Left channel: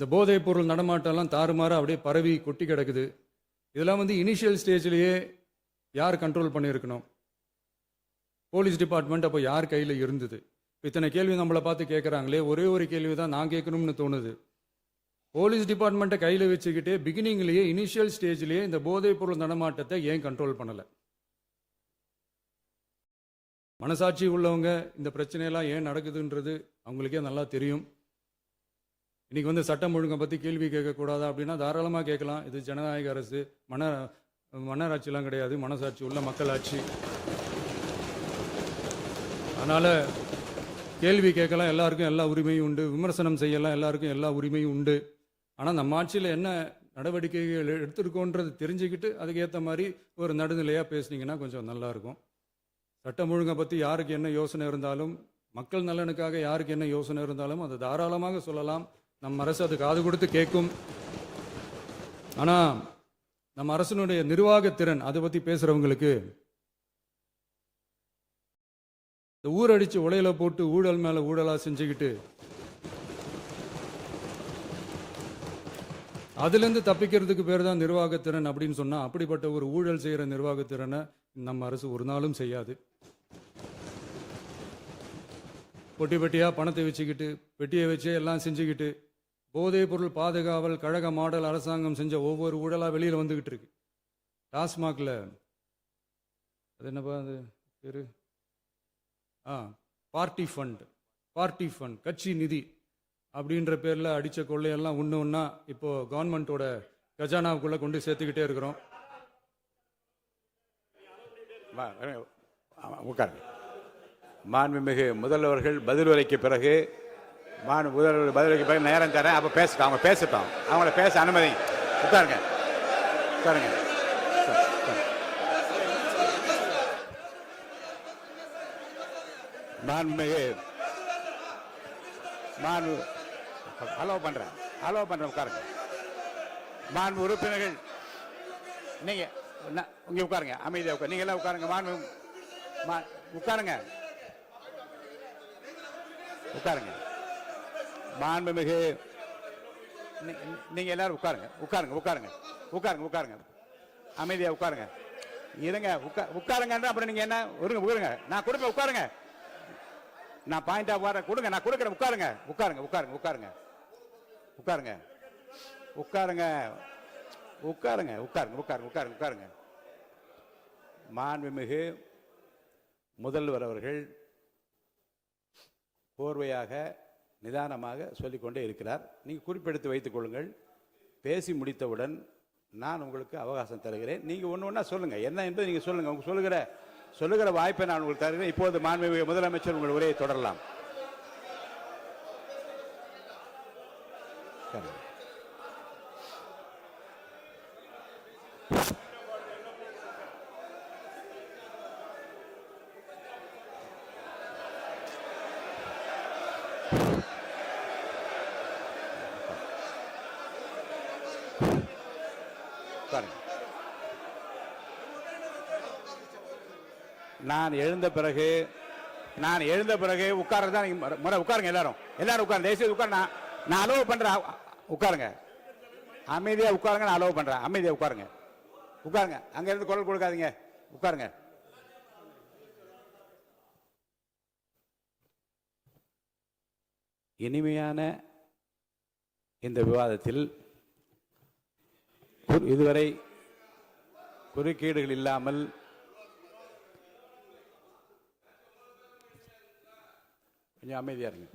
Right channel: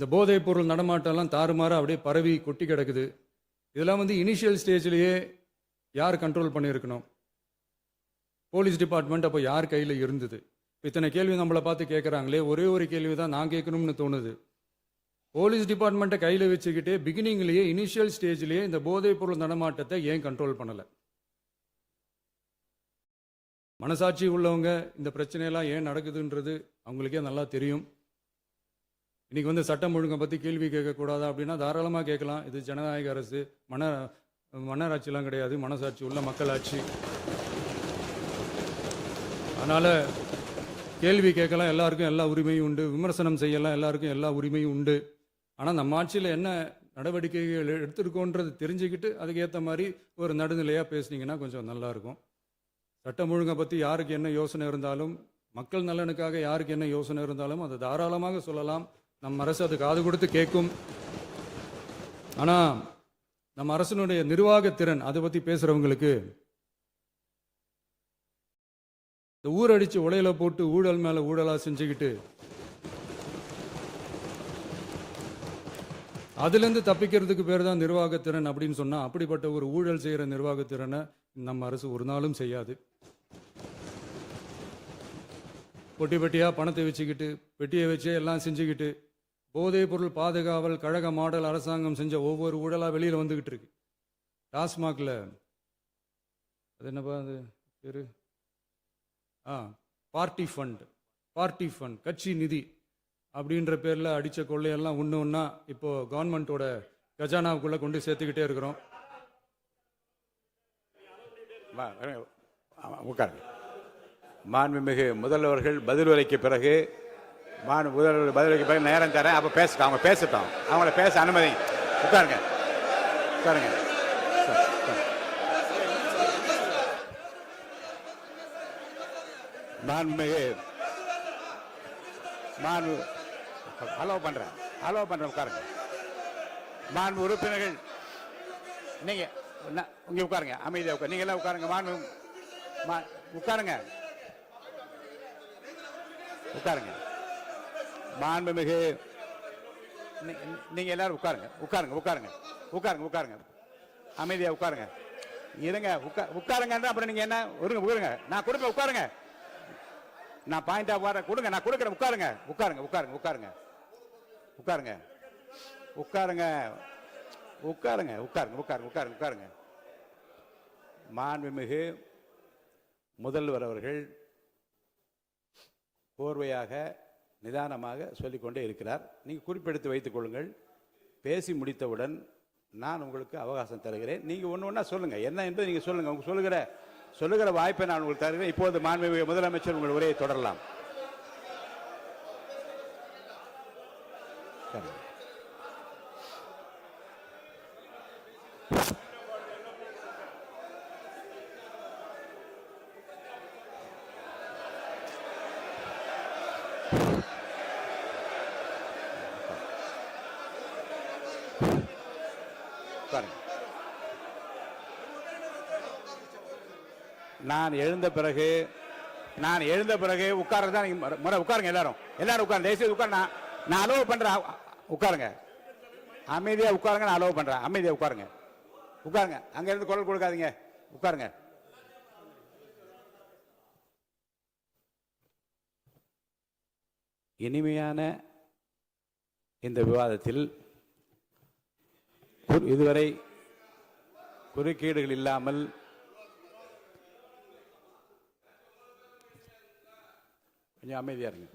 இந்த போதைப் பொருள் நடமாட்டம்லாம் தாறுமாற அப்படியே பரவி கொட்டி கிடக்குது. இதெல்லாம் இனிஷியல் ஸ்டேஜ்லேயே யார் கண்ட்ரோல் பண்ணியிருக்கணும்? போலீஸ் டிபார்ட்மெண்ட் அப்போ யார் கையில் இருந்தது? இத்தனை கேள்வி நம்மளை பார்த்து கேட்குறாங்களே, ஒரே ஒரு கேள்வி தான் நான் கேட்கணும்னு தோணுது. போலீஸ் டிபார்ட்மெண்ட்டை கையில் வச்சுக்கிட்டே பிகினிங்லேயே இனிஷியல் ஸ்டேஜ்லேயே இந்த போதைப் பொருள் நடமாட்டத்தை ஏன் கண்ட்ரோல் பண்ணலை? மனசாட்சி உள்ளவங்க இந்த பிரச்சனையெல்லாம் ஏன் நடக்குதுன்றது அவங்களுக்கே நல்லா தெரியும். இன்னைக்கு சட்டம் ஒழுங்கை பற்றி கேள்வி கேட்கக்கூடாதா அப்படின்னா தாராளமாக கேட்கலாம். இது ஜனநாயக அரசு, மன்னராட்சிலாம் கிடையாது, மனசாட்சி உள்ள மக்களாட்சி. அதனால் கேள்வி கேட்கலாம், எல்லாருக்கும் எல்லா உரிமையும் உண்டு. விமர்சனம் செய்யலாம், எல்லாருக்கும் எல்லா உரிமையும் உண்டு. ஆனால் நம்ம ஆட்சியில் என்ன நடவடிக்கைகள் எடுத்திருக்கோன்றது தெரிஞ்சுக்கிட்டு அதுக்கேற்ற மாதிரி ஒரு நடுநிலையாக பேசுனீங்கன்னா கொஞ்சம் நல்லாயிருக்கும். சட்டம் ஒழுங்கை பற்றி யாருக்கு என்ன யோசனை இருந்தாலும், மக்கள் நலனுக்காக யாருக்கு என்ன யோசனை இருந்தாலும் அதை தாராளமாக சொல்லலாம். நம்ம அரசு அது காது கொடுத்து கேட்கும். ஆனால் நம்ம அரசினுடைய நிர்வாகத்திறன் அதை பற்றி பேசுகிறவங்களுக்கு இந்த ஊரடிச்சு உலையில போட்டு ஊழல் மேல ஊழலா செஞ்சுக்கிட்டு அதுல இருந்து தப்பிக்கிறதுக்கு பேர் தான் நிர்வாகத்திறன் அப்படின்னு சொன்னா, அப்படிப்பட்ட ஒரு ஊழல் செய்யற நிர்வாகத்திறனை நம்ம அரசு ஒரு நாளும் செய்யாது. பொட்டி பெட்டியா பணத்தை வச்சுக்கிட்டு, பெட்டியை வச்சு எல்லாம் செஞ்சுக்கிட்டு, போதைப் பொருள் பாதுகாவல் கழக மாடல் அரசாங்கம் செஞ்ச ஒவ்வொரு ஊழலா வெளியில வந்துகிட்டு இருக்கு. டாஸ்மாக்ல அது என்னப்பா அது பேரு, பார்ட்டி ஃபண்ட் கட்சி நிதி அப்படின்ற பேர்ல அடிச்ச கொள்ளையெல்லாம் ஒண்ணா இப்போ கவர்மெண்டோட கஜானாவுக்குள்ள கொண்டு சேர்த்துக்கிட்டே இருக்கிறோம். மாண்புமிகு முதல்வர்கள் பதிலுரைக்கு பிறகு நேரம் தரேன். அப்ப பேசட்டும், அவங்க பேசட்டும், அவங்கள பேச அனுமதி. உட்காருங்க. அலோவ் பண்றேன். உட்காருங்க. மாண்பு உறுப்பினர்கள் நீங்க இங்க உட்காருங்க, அமைதியா உட்காரு. நீங்க எல்லாம் உட்காருங்க. மாண்புமிகு நீங்க எல்லாரும் உட்காருங்க. அமைதியா உட்காருங்க. இருங்க, உட்காருங்க. அப்புறம் நீங்க என்ன உட்காருங்க. நான் கொடுப்பேன், உட்காருங்க. நான் பாயிண்ட் ஆஃப் ஆர்டர் கொடுங்க, நான் கொடுக்கிறேன். உட்காருங்க. மாண்புமிகு முதல்வர் அவர்கள் கோர்வையாக நிதானமாக சொல்லிக்கொண்டே இருக்கிறார். நீங்க குறிப்பெடுத்து வைத்துக் கொள்ளுங்கள். பேசி முடித்தவுடன் நான் உங்களுக்கு அவகாசம் தருகிறேன். நீங்க ஒண்ணு சொல்லுங்க, என்ன என்று நீங்க சொல்லுங்க. உங்க சொல்லுகிற வாய்ப்பை நான் உங்களுக்கு தருகிறேன். இப்போது மாண்புமிகு முதலமைச்சர் உங்கள் உரையை தொடரலாம். நான் எழுந்த பிறகு உட்கார்றதா உட்காருங்க. எல்லாரும் உட்காருங்க. தேசிய உட்கார். நான் அலோவ் பண்றேன். உட்காருங்க. அமைதியா உட்காருங்க. நான் அலோவ் பண்றேன். அமைதியா உட்காருங்க. அங்க இருந்து குரல் கொடுக்காதீங்க. உட்காருங்க. இனிமையான இந்த விவாதத்தில் இதுவரை குறுக்கீடுகள் இல்லாமல் கொஞ்சம் அமைதியா இருங்க.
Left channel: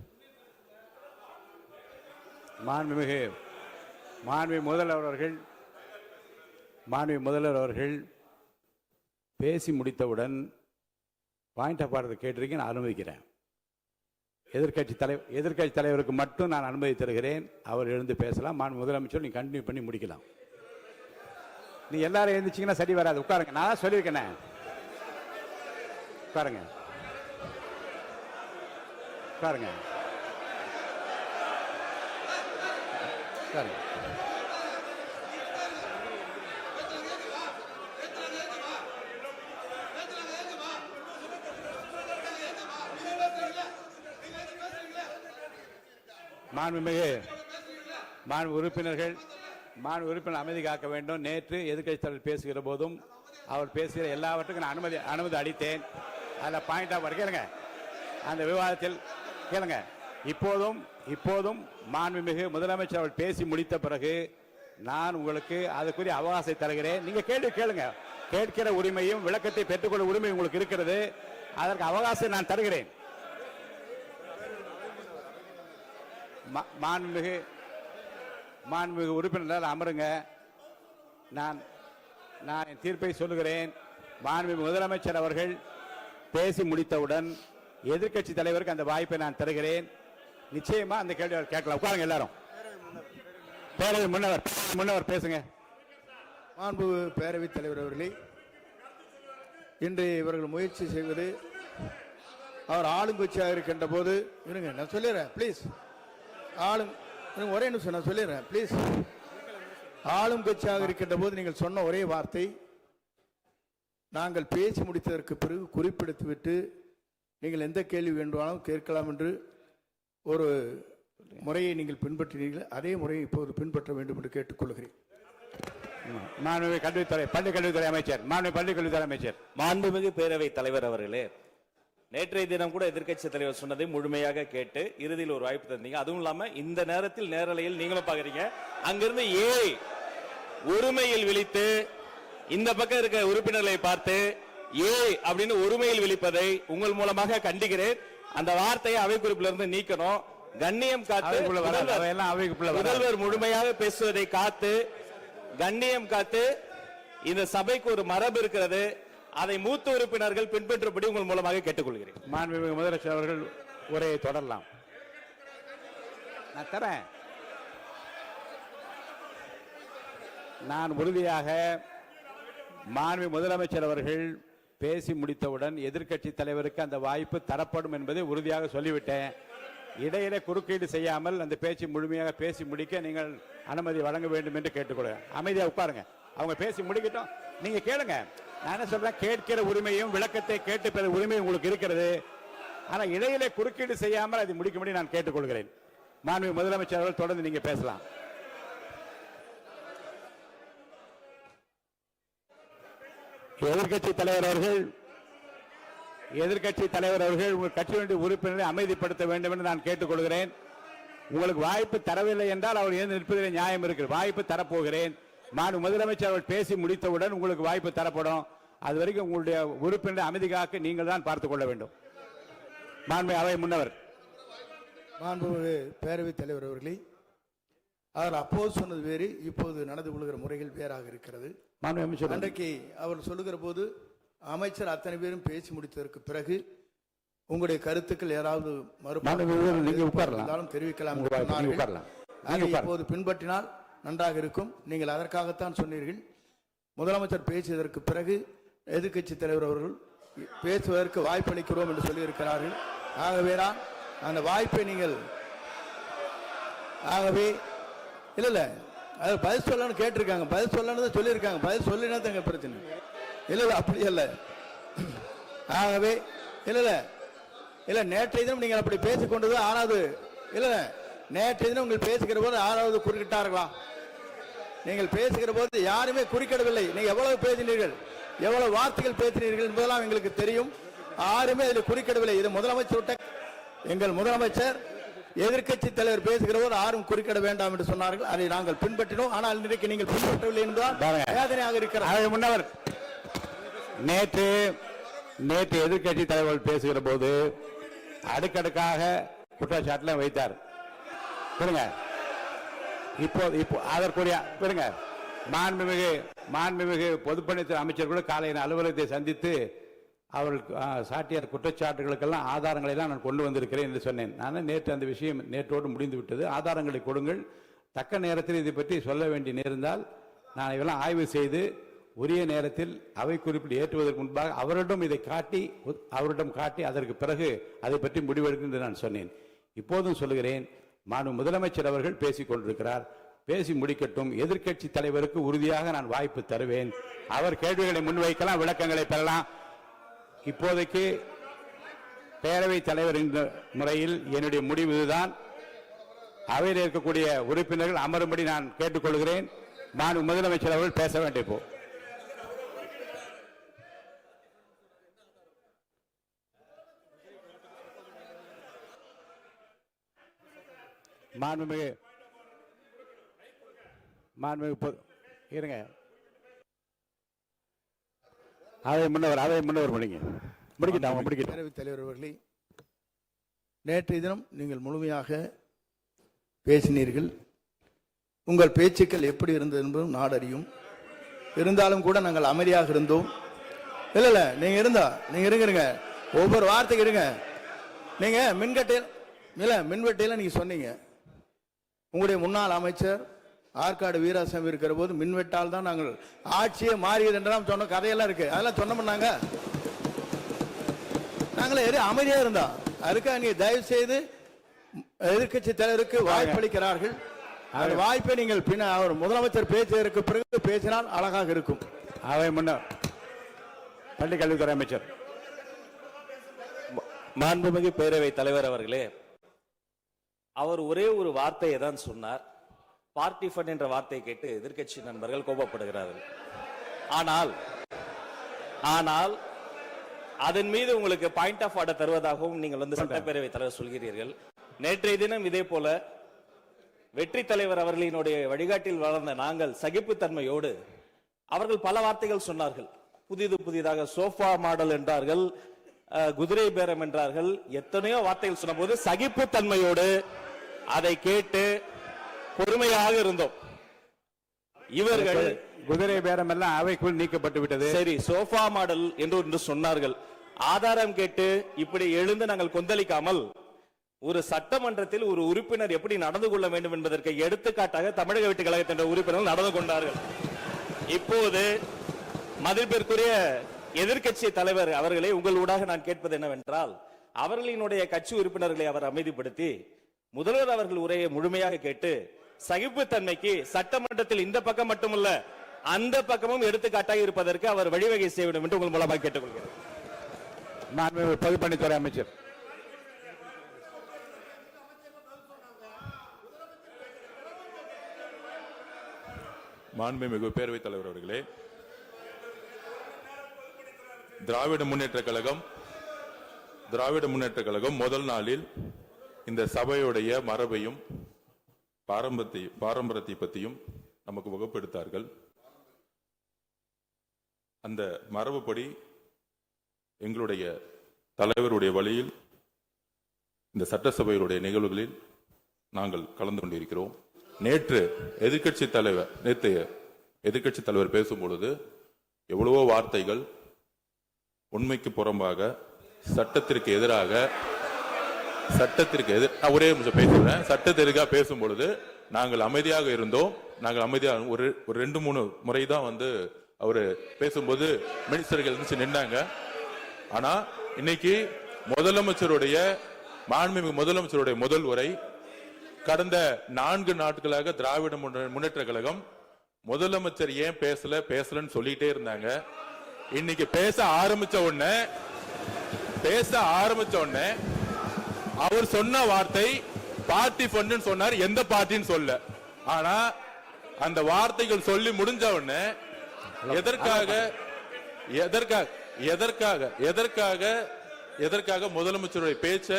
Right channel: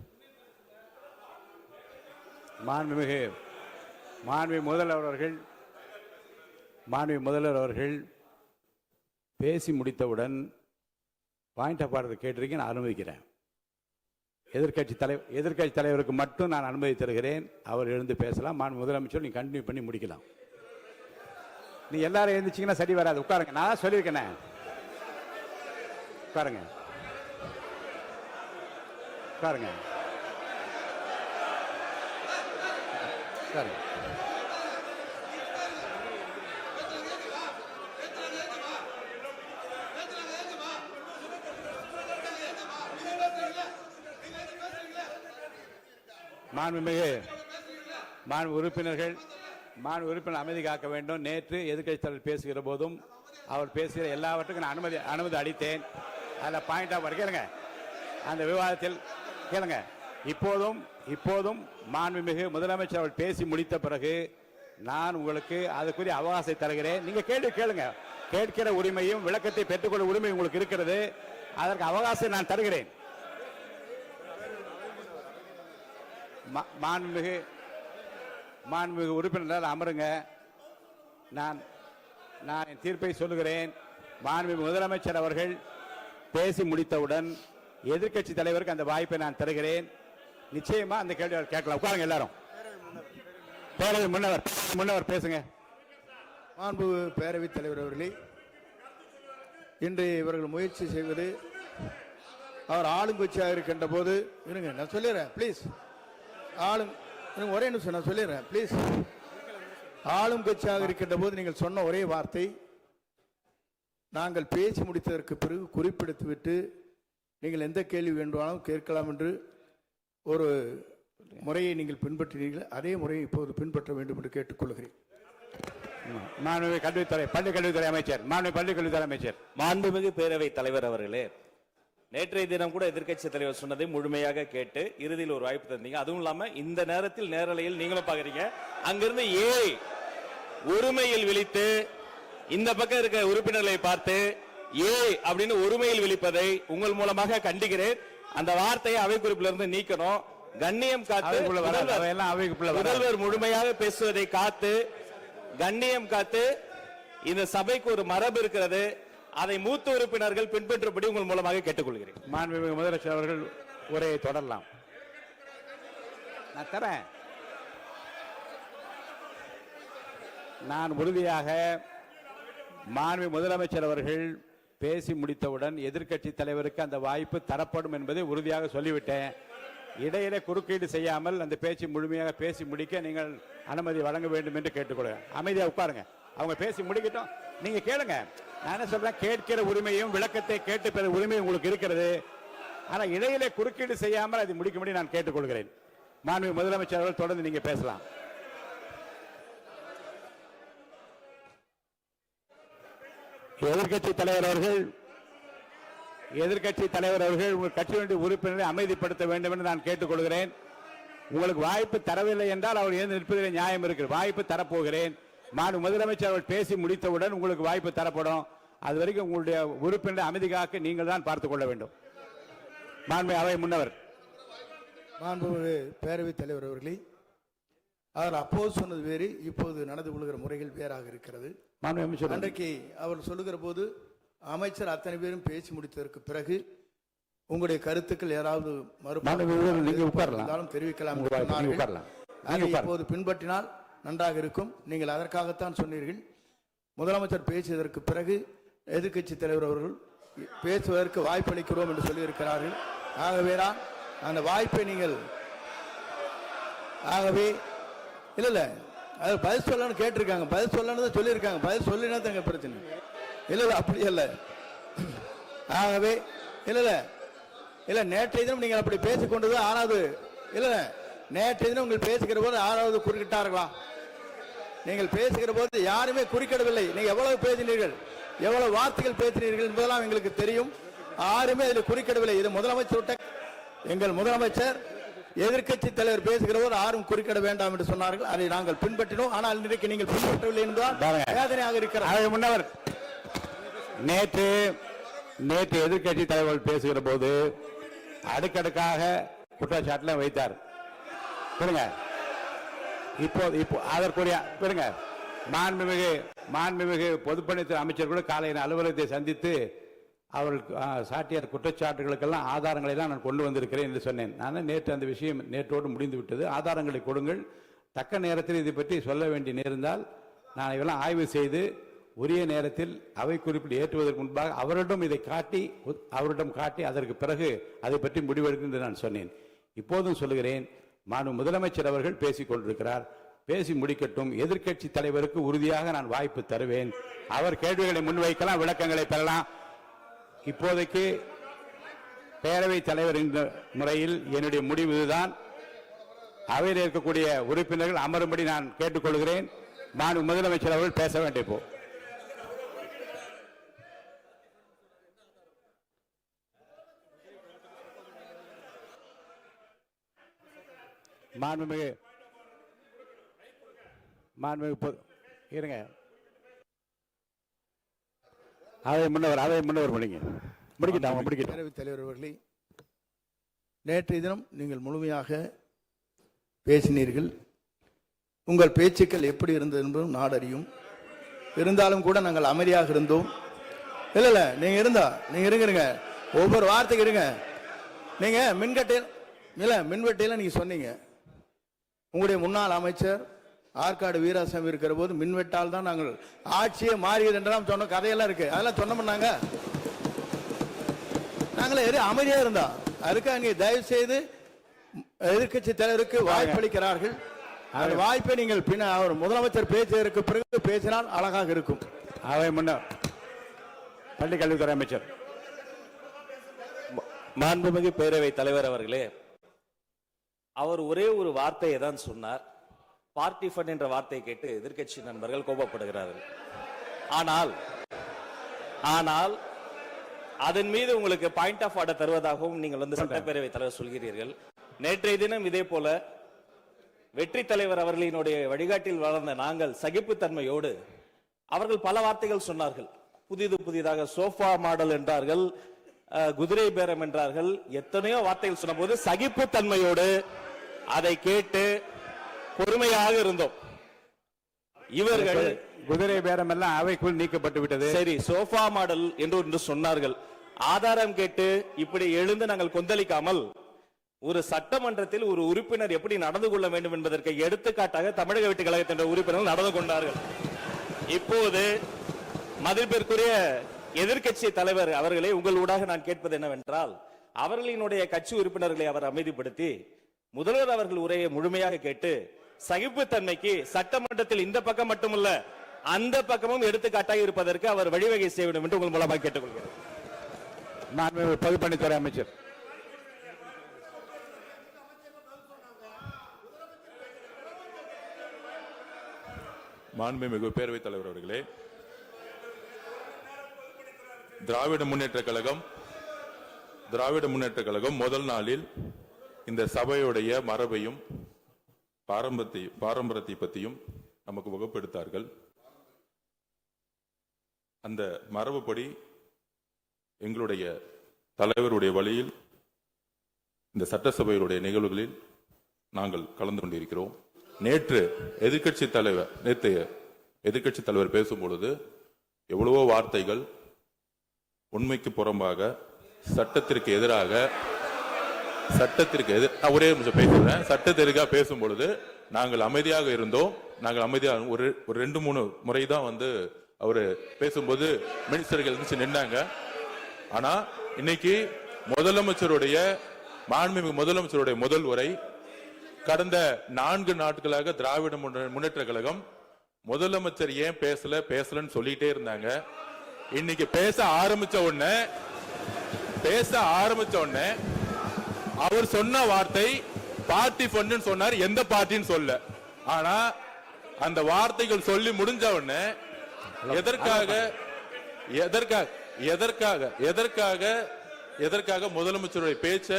மாண்புமிகு முதல்வர் அவர்கள் பேசி முடித்தவுடன் பாயிண்ட் ஆஃப் ஆர்டர் கேட்டிருக்கேன், நான் அனுமதிக்கிறேன். எதிர்கட்சி தலைவருக்கு மட்டும் நான் அனுமதி தருகிறேன். அவர் எழுந்து பேசலாம். மாண்பு முதலமைச்சர் நீங்க கண்டினியூ பண்ணி முடிக்கலாம். நீ எல்லாரும் எழுந்துச்சீங்கன்னா சரி வராது. உட்காருங்க. நான் சொல்லியிருக்கேன். உட்காருங்க. மாண்புமிகு மாண்பு உறுப்பினர் அமைதி காக்க வேண்டும். நேற்று எதிர்க்கட்சி தலைவர் பேசுகிற போதும் அவர் பேசுகிற எல்லாவற்றுக்கும் நான் அனுமதி அளித்தேன். அதில் பாயிண்ட் ஆஃப் கேளுங்க, அந்த விவாதத்தில் கேளுங்க. இப்போதும் மாண்புமிகு முதலமைச்சர் அவர்கள் பேசி முடித்த பிறகு நான் உங்களுக்கு அதுக்குரிய அவகாசத்தை தருகிறேன். நீங்க கேள்வி கேளுங்க. கேட்கிற உரிமையும் விளக்கத்தை பெற்றுக்கொள்ள உரிமை உங்களுக்கு இருக்கிறது. அதற்கு அவகாசம் நான் தருகிறேன். மாண்புமிகு உறுப்பினர் அமருங்க. நான் என் தீர்ப்பை சொல்லுகிறேன். மாண்புமிகு முதலமைச்சர் அவர்கள் பேசி முடித்தவுடன் எதிர்க்கட்சி தலைவருக்கு அந்த வாய்ப்பை நான் தருகிறேன். நிச்சயமா அந்த கேள்வி கேட்கலாம். உட்காருங்க எல்லாரும். பேரவை முன்னவர் பேசுங்க. மாண்பு பேரவைத் தலைவர் அவர்களே, இன்று இவர்கள் முயற்சி செய்வது அவர் ஆளுங்கட்சியாக இருக்கின்ற போது இருங்க, நான் சொல்லிடுறேன் ப்ளீஸ். ஒரே நிமிஷம் நான் சொல்லிடுறேன் ப்ளீஸ். ஆளும் கட்சியாக இருக்கின்ற போது நீங்கள் சொன்ன ஒரே வார்த்தை, நாங்கள் பேசி முடித்ததற்கு பிறகு குறிப்பிடுத்துவிட்டு நீங்கள் எந்த கேள்வி வேண்டுமானாலும் கேட்கலாம் என்று ஒரு முறையை நீங்கள் பின்பற்றினீர்கள். அதே முறையை இப்போது பின்பற்ற வேண்டும் என்று கேட்டுக்கொள்கிறேன். பள்ளிக்கல்வித்துறை அமைச்சர். மாண்புமிகு பேரவைத் தலைவர் அவர்களே, நேற்றைய தினம் கூட எதிர்க்கட்சி தலைவர் சொன்னதை முழுமையாக கேட்டு இறுதியில் ஒரு வாய்ப்பு தந்தீங்க. அதுவும் இல்லாம இந்த நேரத்தில் நேரலையில் நீங்களும் பாக்குறீங்க. அங்கிருந்து ஒருமையில் விழித்து இந்த பக்கம் இருக்க உறுப்பினர்களை பார்த்து அப்படின்னு ஒருமையில் விழிப்பதை உங்கள் மூலமாக கண்டிக்கிறேன். அந்த வார்த்தையை அவை குறிப்பிலிருந்து நீக்கணும். கண்ணியம் காத்து முதல்வர் முழுமையாக பேசுவதை காத்து கண்ணியம் காத்து இந்த சபைக்கு ஒரு மரபு இருக்கிறது. அதை மூத்த உறுப்பினர்கள் பின்பற்றபடி உங்கள் மூலமாக கேட்டுக்கொள்கிறேன். மாண்புமிகு முதலமைச்சர் அவர்கள் உரையை தொடரலாம். நான் தரேன். நான் உறுதியாக மாண்புமிகு முதலமைச்சர் அவர்கள் பேசி முடித்தவுடன் எதிர்க்கட்சி தலைவருக்கு அந்த வாய்ப்பு தரப்படும் என்பதை உறுதியாக சொல்லிவிட்டேன். இடையிலே குறுக்கீடு செய்யாமல் அந்த பேச்சு முழுமையாக பேசி முடிக்க நீங்கள் அனுமதி வழங்க வேண்டும் என்று கேட்டுக்கொள்கிறேன். அமைதியா உட்காருங்க. அவங்க பேசி முடிக்கட்டும், நீங்க கேளுங்க. நான் என்ன சொல்றேன், கேட்கிற உரிமையும் விளக்கத்தை கேட்டு பெற உரிமை உங்களுக்கு இருக்கிறது. ஆனா இடையிலே குறுக்கீடு செய்யாமல் அதை முடிக்கும்படி நான் கேட்டுக்கொள்கிறேன். மாண்புமிகு முதலமைச்சர் அவர்கள் தொடர்ந்து நீங்க பேசலாம். எதிர்க்கட்சி தலைவர் அவர்கள் உங்கள் கட்சியினுடைய உறுப்பினரை அமைதிப்படுத்த வேண்டும் என்று நான் கேட்டுக்கொள்கிறேன். உங்களுக்கு வாய்ப்பு தரவில்லை என்றால் அவர் எழுந்து நிற்பதில் நியாயம் இருக்கு. வாய்ப்பு தரப்போகிறேன். மாண்பு முதலமைச்சர் அவர்கள் பேசி முடித்தவுடன் உங்களுக்கு வாய்ப்பு தரப்படும். அது வரைக்கும் உங்களுடைய உறுப்பினரை அமைதி காக்க நீங்கள் தான் பார்த்துக் கொள்ள வேண்டும். மாண்பு அவை முன்னவர். மாண்பு பேரவைத் தலைவர் அவர்களே, அவர் அப்போது சொன்னது வேறு, இப்போது நடந்து கொள்கிற முறைகள் வேறாக இருக்கிறது. அன்றைக்கு அவர் சொல்லுகிற போது அமைச்சர் அத்தனை பேரும் பேசி முடித்ததற்கு பிறகு உங்களுடைய கருத்துக்கள் யாராவது தெரிவிக்கலாம். இப்போது பின்பற்றினால் நன்றாக இருக்கும். நீங்கள் அதற்காகத்தான் சொன்னீர்கள். முதலமைச்சர் பேசியதற்கு பிறகு எதிர்க்கட்சி தலைவர் அவர்கள் பேசுவதற்கு வாய்ப்பளிக்கிறோம் என்று சொல்லியிருக்கிறார்கள். ஆகவேதான் அந்த வாய்ப்பை நீங்கள் இல்ல அது பதில் சொல்லணும்னு கேட்டிருக்காங்க. பதில் சொல்லணும் சொல்லியிருக்காங்க. பதில் சொல்லினா தங்க பிரச்சனை இல்ல. அப்படி இல்ல. ஆகவே இல்ல நேற்றைய தினம் நீங்கள் அப்படி பேசிக்கொண்டது ஆறாவது இல்ல. நேற்றைய தினம் உங்கள் பேசுகிற போது ஆறாவது குறுக்கிட்டார்களா? நீங்கள் பேசுகிற போது யாருமே குறுக்கிடவில்லை. நீங்க எவ்வளவு பேசினீர்கள், எவ்வளவு வார்த்தைகள் பேசினீர்கள் என்பதெல்லாம் எங்களுக்கு தெரியும். யாருமே அதில் குறுக்கிடவில்லை. இது முதலமைச்சர், எங்கள் முதலமைச்சர் எதிர்க்கட்சி தலைவர் பேசுகிற போது யாரும் குறுக்கிட வேண்டாம் என்று சொன்னார்கள். அதை நாங்கள் பின்பற்றினோம். ஆனால் இன்றைக்கு நீங்கள் பின்பற்றவில்லை என்பதால் வேதனையாக இருக்கிறார். முன்னவர் நேற்று எதிர்க்கட்சி தலைவர் பேசுகிற போது அடுக்கடுக்காக குற்றச்சாட்டுல வைத்தார். இப்போ அதற்குரிய மாண்புமிகு பொதுப்பணித்துறை அமைச்சர் கூட காலையில் அலுவலகத்தை சந்தித்து அவர்கள் சாட்டிய குற்றச்சாட்டுகளுக்கெல்லாம் ஆதாரங்களை எல்லாம் நான் கொண்டு வந்திருக்கிறேன் என்று சொன்னேன். நான் நேற்று அந்த விஷயம் நேற்றோடு முடிந்து விட்டது. ஆதாரங்களை கொடுங்கள். தக்க நேரத்தில் இதை பற்றி சொல்ல வேண்டிய நேர்ந்தால் நான் இதெல்லாம் ஆய்வு செய்து உரிய நேரத்தில் அவை குறிப்பிட்டு ஏற்றுவதற்கு முன்பாக அவரிடம் காட்டி அதற்கு பிறகு அதை பற்றி முடிவெடுக்கும் என்று நான் சொன்னேன். இப்போதும் சொல்லுகிறேன், மாண்பு முதலமைச்சர் அவர்கள் பேசிக் கொண்டிருக்கிறார். பேசி முடிக்கட்டும். எதிர்க்கட்சி தலைவருக்கு உறுதியாக நான் வாய்ப்பு தருவேன். அவர் கேள்விகளை முன்வைக்கலாம், விளக்கங்களை பெறலாம். இப்போதைக்கு பேரவைத் தலைவர் என்ற முறையில் என்னுடைய முடிவு இதுதான். அவையில் இருக்கக்கூடிய உறுப்பினர்கள் அமரும்படி நான் கேட்டுக்கொள்கிறேன். நான் முதலமைச்சர் அவர்கள் பேச வேண்டிய போ மாண்புமிகு இருங்க. அதை முன்னவர் முடிக்கிட்டாங்க. பேரவைத் தலைவர் அவர்களே, நேற்றைய தினம் நீங்கள் முழுமையாக பேசினீர்கள். உங்கள் பேச்சுக்கள் எப்படி இருந்தது என்பதும் நாடறியும். இருந்தாலும் கூட நாங்கள் அமைதியாக இருந்தோம். இல்ல நீங்க இருங்க, ஒவ்வொரு வார்த்தைக்கு இருங்க. நீங்க மின்வெட்டையில நீங்க சொன்னீங்க, உங்களுடைய முன்னாள் அமைச்சர் ஆற்காடு வீராசாமி இருக்கிற போது மின்வெட்டால் தான் நாங்கள் ஆட்சியே மாறியது என்றெல்லாம் சொன்ன கதையெல்லாம் இருக்கு. அதெல்லாம் சொன்னோம்னாங்க, நாங்களே அமைதியா இருந்தோம். அதுக்காக நீங்க தயவு செய்து எதிர்கட்சி தலைவருக்கு வாய்ப்பளிக்கிறார்கள். அந்த வாய்ப்பை நீங்கள் முதலமைச்சர் பேசுவதற்கு பிறகு பேசினால் அழகாக இருக்கும். அவை முன்ன பள்ளி கல்வித்துறை அமைச்சர் மாண்புமிகு பேரவை தலைவர் அவர்களே, அவர் ஒரே ஒரு வார்த்தையை தான் சொன்னார். பார்ட்டி ஃபண்ட் என்ற வார்த்தையை கேட்டு எதிர்க்கட்சி நண்பர்கள் கோபப்படுகிறார்கள். ஆனால் அதன் மீது உங்களுக்கு பாயிண்ட் ஆஃப் ஆர்டர் தருவதாகவும் நீங்கள் சட்டப்பேரவை தலைவர் சொல்கிறீர்கள். நேற்றைய தினம் இதே போல வெற்றி தலைவர் அவர்களினுடைய வழிகாட்டில் வளர்ந்த நாங்கள் சகிப்புத்தன்மையோடு அவர்கள் பல வார்த்தைகள் சொன்னார்கள். புதிதாக சோஃபா மாடல் என்றார்கள், குதிரை பேரம் என்றார்கள், எத்தனையோ வார்த்தைகள் சொன்ன போது சகிப்புத்தன்மையோடு அதை கேட்டு பொறுமையாக இருந்தோம். இவர்கள் குதிரை பேரம் எல்லாம் அவைக்குள் நீக்கப்பட்டு விட்டது. சரி, சோஃபா மாடல் என்று சொன்னார்கள். ஆதாரம் கேட்டு இப்படி எழுந்து நாங்கள் கொந்தளிக்காமல் ஒரு சட்டமன்றத்தில் ஒரு உறுப்பினர் எப்படி நடந்து கொள்ள வேண்டும் என்பதற்கு எடுத்துக்காட்டாக தமிழக வெற்றி கழகத்தின் உறுப்பினர்கள் நடந்து கொண்டார்கள். இப்போது மதிப்பிற்குரிய எதிர்க்கட்சி தலைவர் அவர்களே, உங்கள் ஊடாக நான் கேட்பது என்னவென்றால், அவர்களினுடைய கட்சி உறுப்பினர்களை அவர் அமைதிப்படுத்தி முதல்வர் அவர்கள் உரையை முழுமையாக கேட்டு சகிப்புத்தன்மைக்கு சட்டமன்றத்தில் இந்த பக்கம் மட்டுமல்ல அந்த பக்கமும் எடுத்துக்காட்டாக இருப்பதற்கு அவர் வழிவகை செய்ய வேண்டும் என்று உங்கள் மூலமாக கேட்டுக்கொள்கிறேன். பொதுப்பணித்துறை அமைச்சர் மாண்புமிகு பேரவைத் தலைவர் அவர்களே, திராவிட முன்னேற்ற கழகம் முதல் நாளில் இந்த சபையுடைய மரபையும் பாரம்பரியத்தை பற்றியும் நமக்கு வகுப்பெடுத்தார்கள். அந்த மரபுப்படி எங்களுடைய தலைவருடைய வழியில் இந்த சட்டசபையுடைய நிகழ்வுகளில் நாங்கள் கலந்து கொண்டிருக்கிறோம். நேற்று எதிர்க்கட்சி தலைவர் பேசும்பொழுது எவ்வளவோ வார்த்தைகள் உண்மைக்கு புறம்பாக சட்டத்திற்கு எதிராக ஒரே நிமிஷம் பேசுறேன். சட்டத்திற்காக பேசும் பொழுது நாங்கள் அமைதியாக இருந்தோம். ஒரு 2-3 முறை தான் அவரு பேசும்போது மினிஸ்டர்கள் இருந்துச்சு நின்னாங்க. ஆனா இன்னைக்கு மாண்புமிகு முதலமைச்சருடைய முதல் உரை, கடந்த 4 நாட்களாக திராவிட முன்னேற்ற கழகம் முதலமைச்சர் ஏன் பேசலன்னு சொல்லிட்டே இருந்தாங்க. இன்னைக்கு பேச ஆரம்பிச்ச உடனே அவர் சொன்ன வார்த்தை பார்ட்டி ஃபண்ட் சொன்னார். எந்த பார்ட்டின்னு சொல்ல. ஆனா அந்த வார்த்தைகள் சொல்லி முடிஞ்ச உடனே எதற்காக முதலமைச்சருடைய பேச்ச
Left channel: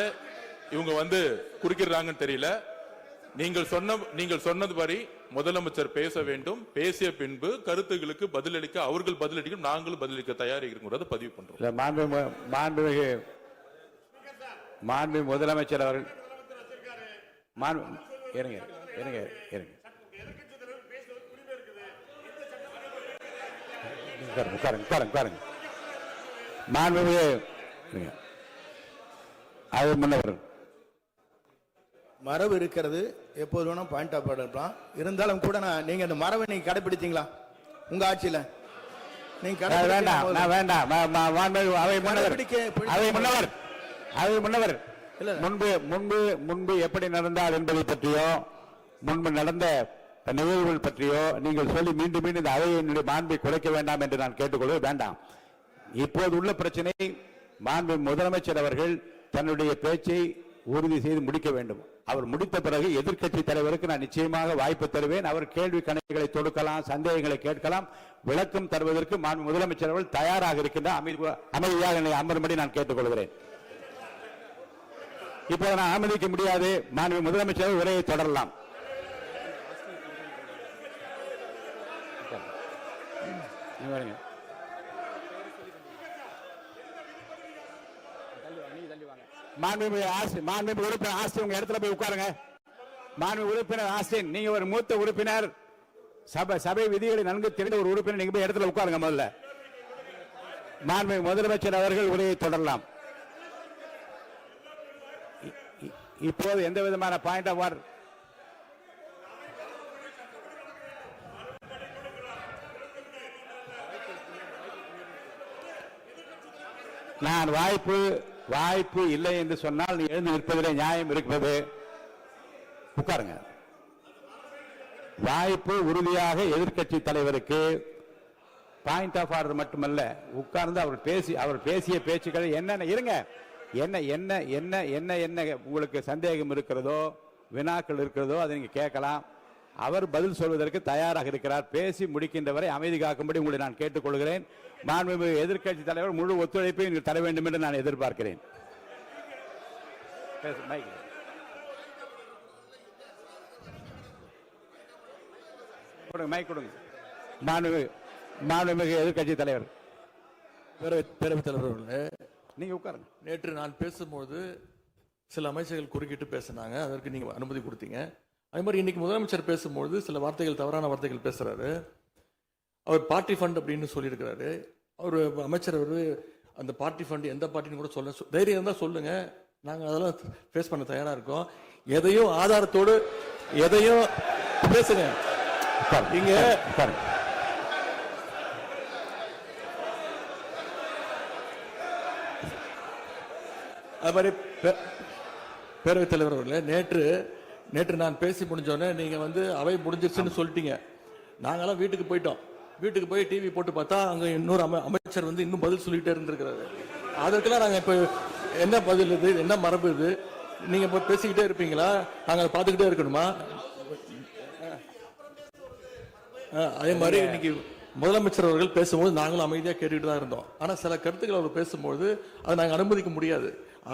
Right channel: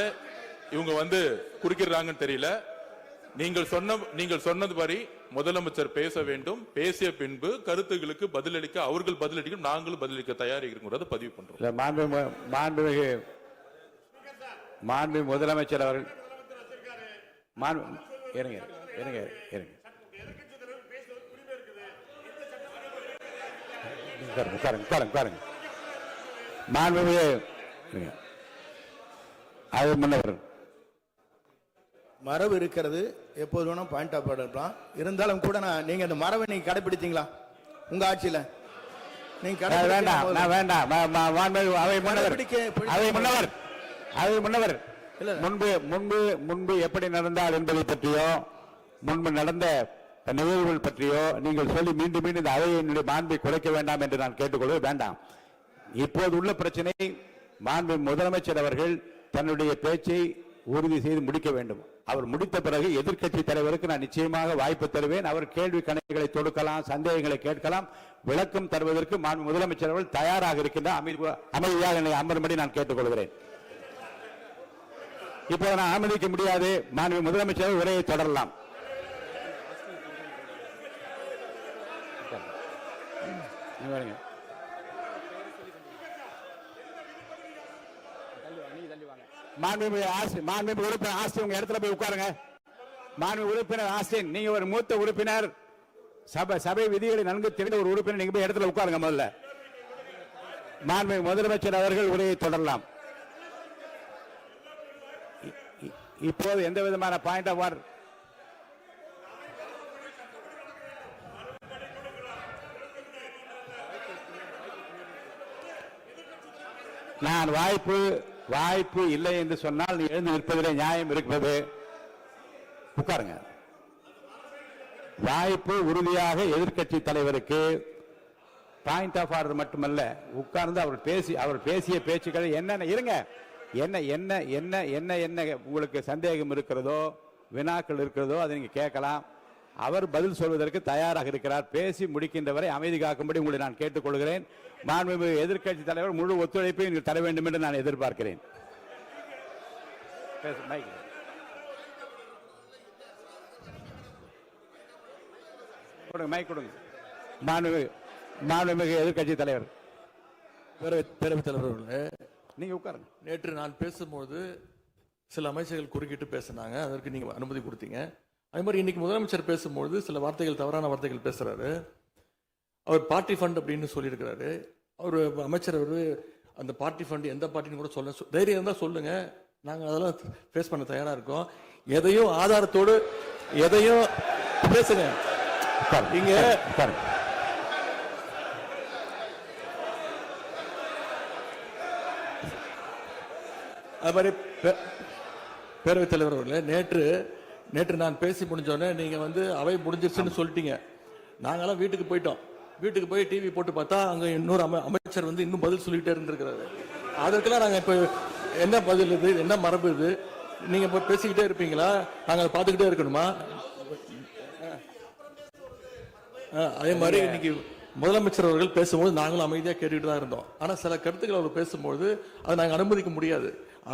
இவங்க குறுக்கிறாங்கன்னு தெரியல. நீங்கள் சொன்னதுபடி முதலமைச்சர் பேச வேண்டும். பேசிய பின்பு கருத்துகளுக்கு பதிலளிக்க அவர்கள் பதிலளிக்கும், நாங்களும் பதிலளிக்க தயாராக இருக்கிறத பதிவு பண்றோம். மாண்பு முதலமைச்சர் அவர்கள் மரபு இருக்கிறது, எப்போது வேணும் பாயிண்ட் ஆஃப் ஆர்டர் இருக்கலாம். இருந்தாலும் கூட நீங்க அந்த மரபை நீங்க கடைபிடித்தீங்களா உங்க ஆட்சியில? நீங்க முன்னவர் முன்பு எப்படி நடந்தால் என்பதை பற்றியோ முன்பு நடந்த நிகழ்வுகள் பற்றியோ நீங்கள் சொல்லி மீண்டும் இந்த அவையினுடைய மாண்பை குறைக்க வேண்டாம் என்று நான் கேட்டுக்கொள்ள வேண்டாம். இப்போது உள்ள பிரச்சனை, மாண்பு முதலமைச்சர் அவர்கள் தன்னுடைய பேச்சை உறுதி செய்து முடிக்க வேண்டும். அவர் முடித்த பிறகு எதிர்க்கட்சி தலைவருக்கு நான் நிச்சயமாக வாய்ப்பு தருவேன். அவர் கேள்வி கணைகளை தொடுக்கலாம், சந்தேகங்களை கேட்கலாம், விளக்கம் தருவதற்கு மாண்பு முதலமைச்சர் அவர்கள் தயாராக இருக்கின்றார். அமைதியாக என்னை அமரும்படி நான் கேட்டுக்கொள்கிறேன். இப்ப நான் அனுமதிக்க முடியாது. மாண்பு முதலமைச்சர் உரையை தொடரலாம். மாண்புமிகு உறுப்பினர் ஆஸ்டின் உங்க இடத்துல போய் உட்காருங்க. மாண்புமிகு உறுப்பினர் ஆஸ்டின், நீங்க ஒரு மூத்த உறுப்பினர், சபை விதிகளை நன்கு தெரிந்த ஒரு உறுப்பினர், நீங்க போய் இடத்துல உட்காருங்க. முதல்ல மாண்புமிகு முதலமைச்சர் அவர்கள் உரையை தொடரலாம். இப்போது எந்த விதமான பாயிண்ட் ஆஃப் ஆர்டர் நான் வாய்ப்பு இல்லை என்று சொன்னால் நீ எழுந்து நிற்பதிலே நியாயம் இருக்கிறது. உட்காருங்க. வாய்ப்பு உறுதியாக எதிர்க்கட்சி தலைவருக்கு பாயிண்ட் ஆஃப் ஆர்டர் மட்டுமல்ல, உட்கார்ந்து அவர் பேசிய பேச்சுக்களை என்னென்ன இருங்க, என்ன என்ன என்ன என்ன என்ன உங்களுக்கு சந்தேகம் இருக்கிறதோ, வினாக்கள் இருக்கிறதோ அதை நீங்க கேட்கலாம். அவர் பதில் சொல்வதற்கு தயாராக இருக்கிறார். பேசி முடிக்கின்ற வரை அமைதி காக்கும்படி உங்களை நான் கேட்டுக்கொள்கிறேன். மாண்புமிகு எதிர்க்கட்சி தலைவர் முழு ஒத்துழைப்பை நீங்கள் தர வேண்டும் என்று நான் எதிர்பார்க்கிறேன். மாண்புமிகு எதிர்க்கட்சி தலைவர், பேரவைத் தலைவர், நீங்க உட்காருங்க. நேற்று நான் பேசும்போது சில அமைச்சர்கள் குறுக்கிட்டு பேசினாங்க, அதற்கு நீங்க அனுமதி கொடுத்தீங்க. அது மாதிரி இன்னைக்கு முதலமைச்சர் பேசும்போது சில வார்த்தைகள், தவறான வார்த்தைகள் பேசுறாரு. அவர் பார்ட்டி ஃபண்ட் அப்படின்னு சொல்லியிருக்கிறாரு. அவர் அமைச்சர் அந்த பார்ட்டி ஃபண்ட் எந்த பார்ட்டின்னு கூட சொல்ல தைரியம் இருந்தா சொல்லுங்க, நாங்க அதெல்லாம் ஃபேஸ் பண்ண தயாரா இருக்கோம். எதையும் ஆதாரத்தோடு எதையும் பேசுங்க. இங்க அது மாதிரி பேரவைத் தலைவர் அவர்களே, நேற்று நான் பேசி முடிஞ்சோடனே நீங்க அவை முடிஞ்சிருச்சுன்னு சொல்லிட்டீங்க. நாங்கெல்லாம் வீட்டுக்கு போயிட்டோம். வீட்டுக்கு போய் டிவி போட்டு பார்த்தா அங்க இன்னொரு அமைச்சர் இன்னும் பதில் சொல்லிட்டே இருந்திருக்கிறாரு. அதற்கெல்லாம் நாங்க இப்ப என்ன பதில் இது, என்ன மரபு இது? நீங்க இப்ப பேசிக்கிட்டே இருப்பீங்களா? நாங்க அதை பார்த்துக்கிட்டே இருக்கணுமா? அதே மாதிரி இன்னைக்கு முதலமைச்சர் அவர்கள் பேசும்போது நாங்களும் அமைதியா கேட்டுட்டு தான் இருந்தோம். ஆனா சில கருத்துக்கள் அவர் பேசும்போது அதை நாங்க அனுமதிக்க முடியாது.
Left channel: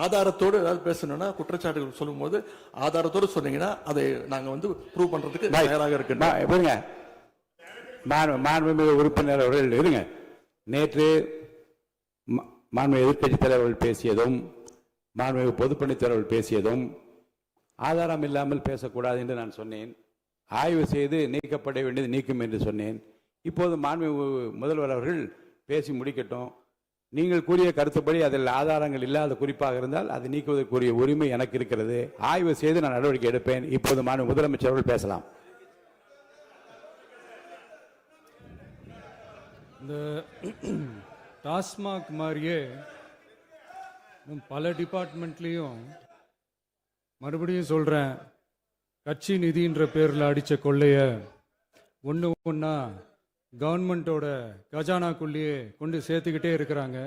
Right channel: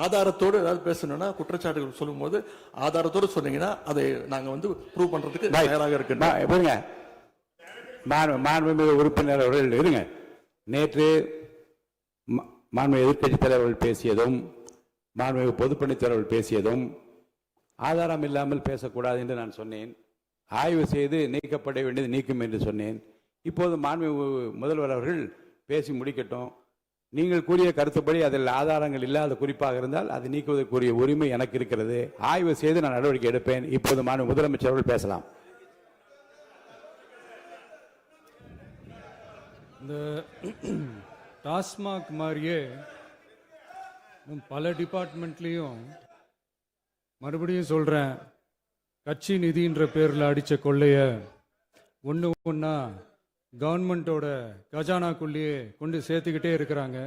ஆதாரத்தோடு ஏதாவது பேசணும்னா, குற்றச்சாட்டுகள் சொல்லும் போது ஆதாரத்தோடு சொன்னீங்கன்னா அதை நாங்க ப்ரூவ் பண்றதுக்கு தயாராக இருக்கு. மாண்புமிகு உறுப்பினர் அவர்கள் இருங்க. நேற்று மாண்புமிகு எதிர்க்கட்சி தலைவர்கள் பேசியதும், மாண்புமிகு பொதுப்பணித்துறையர்கள் பேசியதும் ஆதாரம் இல்லாமல் பேசக்கூடாது என்று நான் சொன்னேன். ஆய்வு செய்து நீக்கப்பட வேண்டியது நீக்கும் என்று சொன்னேன். இப்போது மாண்புமிகு முதல்வர் அவர்கள் பேசி முடிக்கட்டும். நீங்கள் கூறிய கருத்துப்படி அதில் ஆதாரங்கள் இல்லாத குறிப்பாக இருந்தால் அதை நீக்குவதற்குரிய உரிமை எனக்கு இருக்கிறது. ஆய்வு செய்து நான் நடவடிக்கை எடுப்பேன். இப்போது மாண்புமிகு முதலமைச்சர் அவர்கள் பேசலாம். இந்த டாஸ்மாக் மாதிரியே பல டிபார்ட்மெண்ட்லயும், மறுபடியும் சொல்றேன், கட்சி நிதின்ற பேர்ல அடிச்ச கொள்ளைய ஒன்னா கவர்மெண்டோட கஜானாக்குள்ளேயே கொண்டு சேர்த்துக்கிட்டே இருக்கிறாங்க.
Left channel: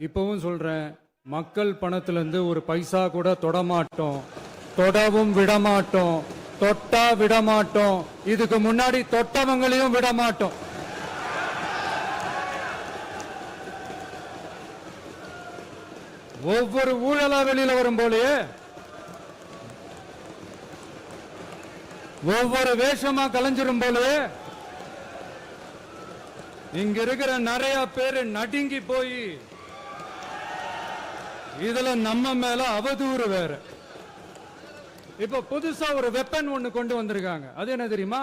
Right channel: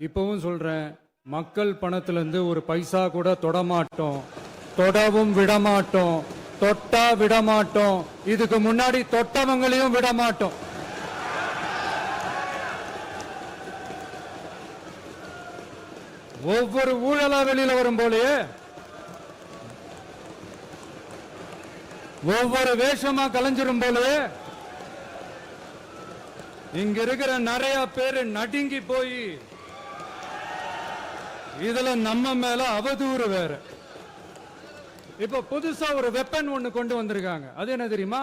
இப்பவும் சொல்றேன், மக்கள் பணத்துல இருந்து ஒரு பைசா கூட தொடமாட்டோம், தொடவும் விடமாட்டோம், தொட்டா விடமாட்டோம். இதுக்கு முன்னாடி தொட்டவங்களையும் விடமாட்டோம். ஒவ்வொரு ஊழலா வெளியில வரும் போலயே, ஒவ்வொரு வேஷமா கலைஞ்சிரும் போலயே, இங்க இருக்கிற நிறைய பேரு நடுங்கி போய் இதுல நம்ம மேல அவதூறு வேற. இப்ப புதுசா ஒரு வெப்பன் ஒண்ணு கொண்டு வந்திருக்காங்க. அது என்ன தெரியுமா?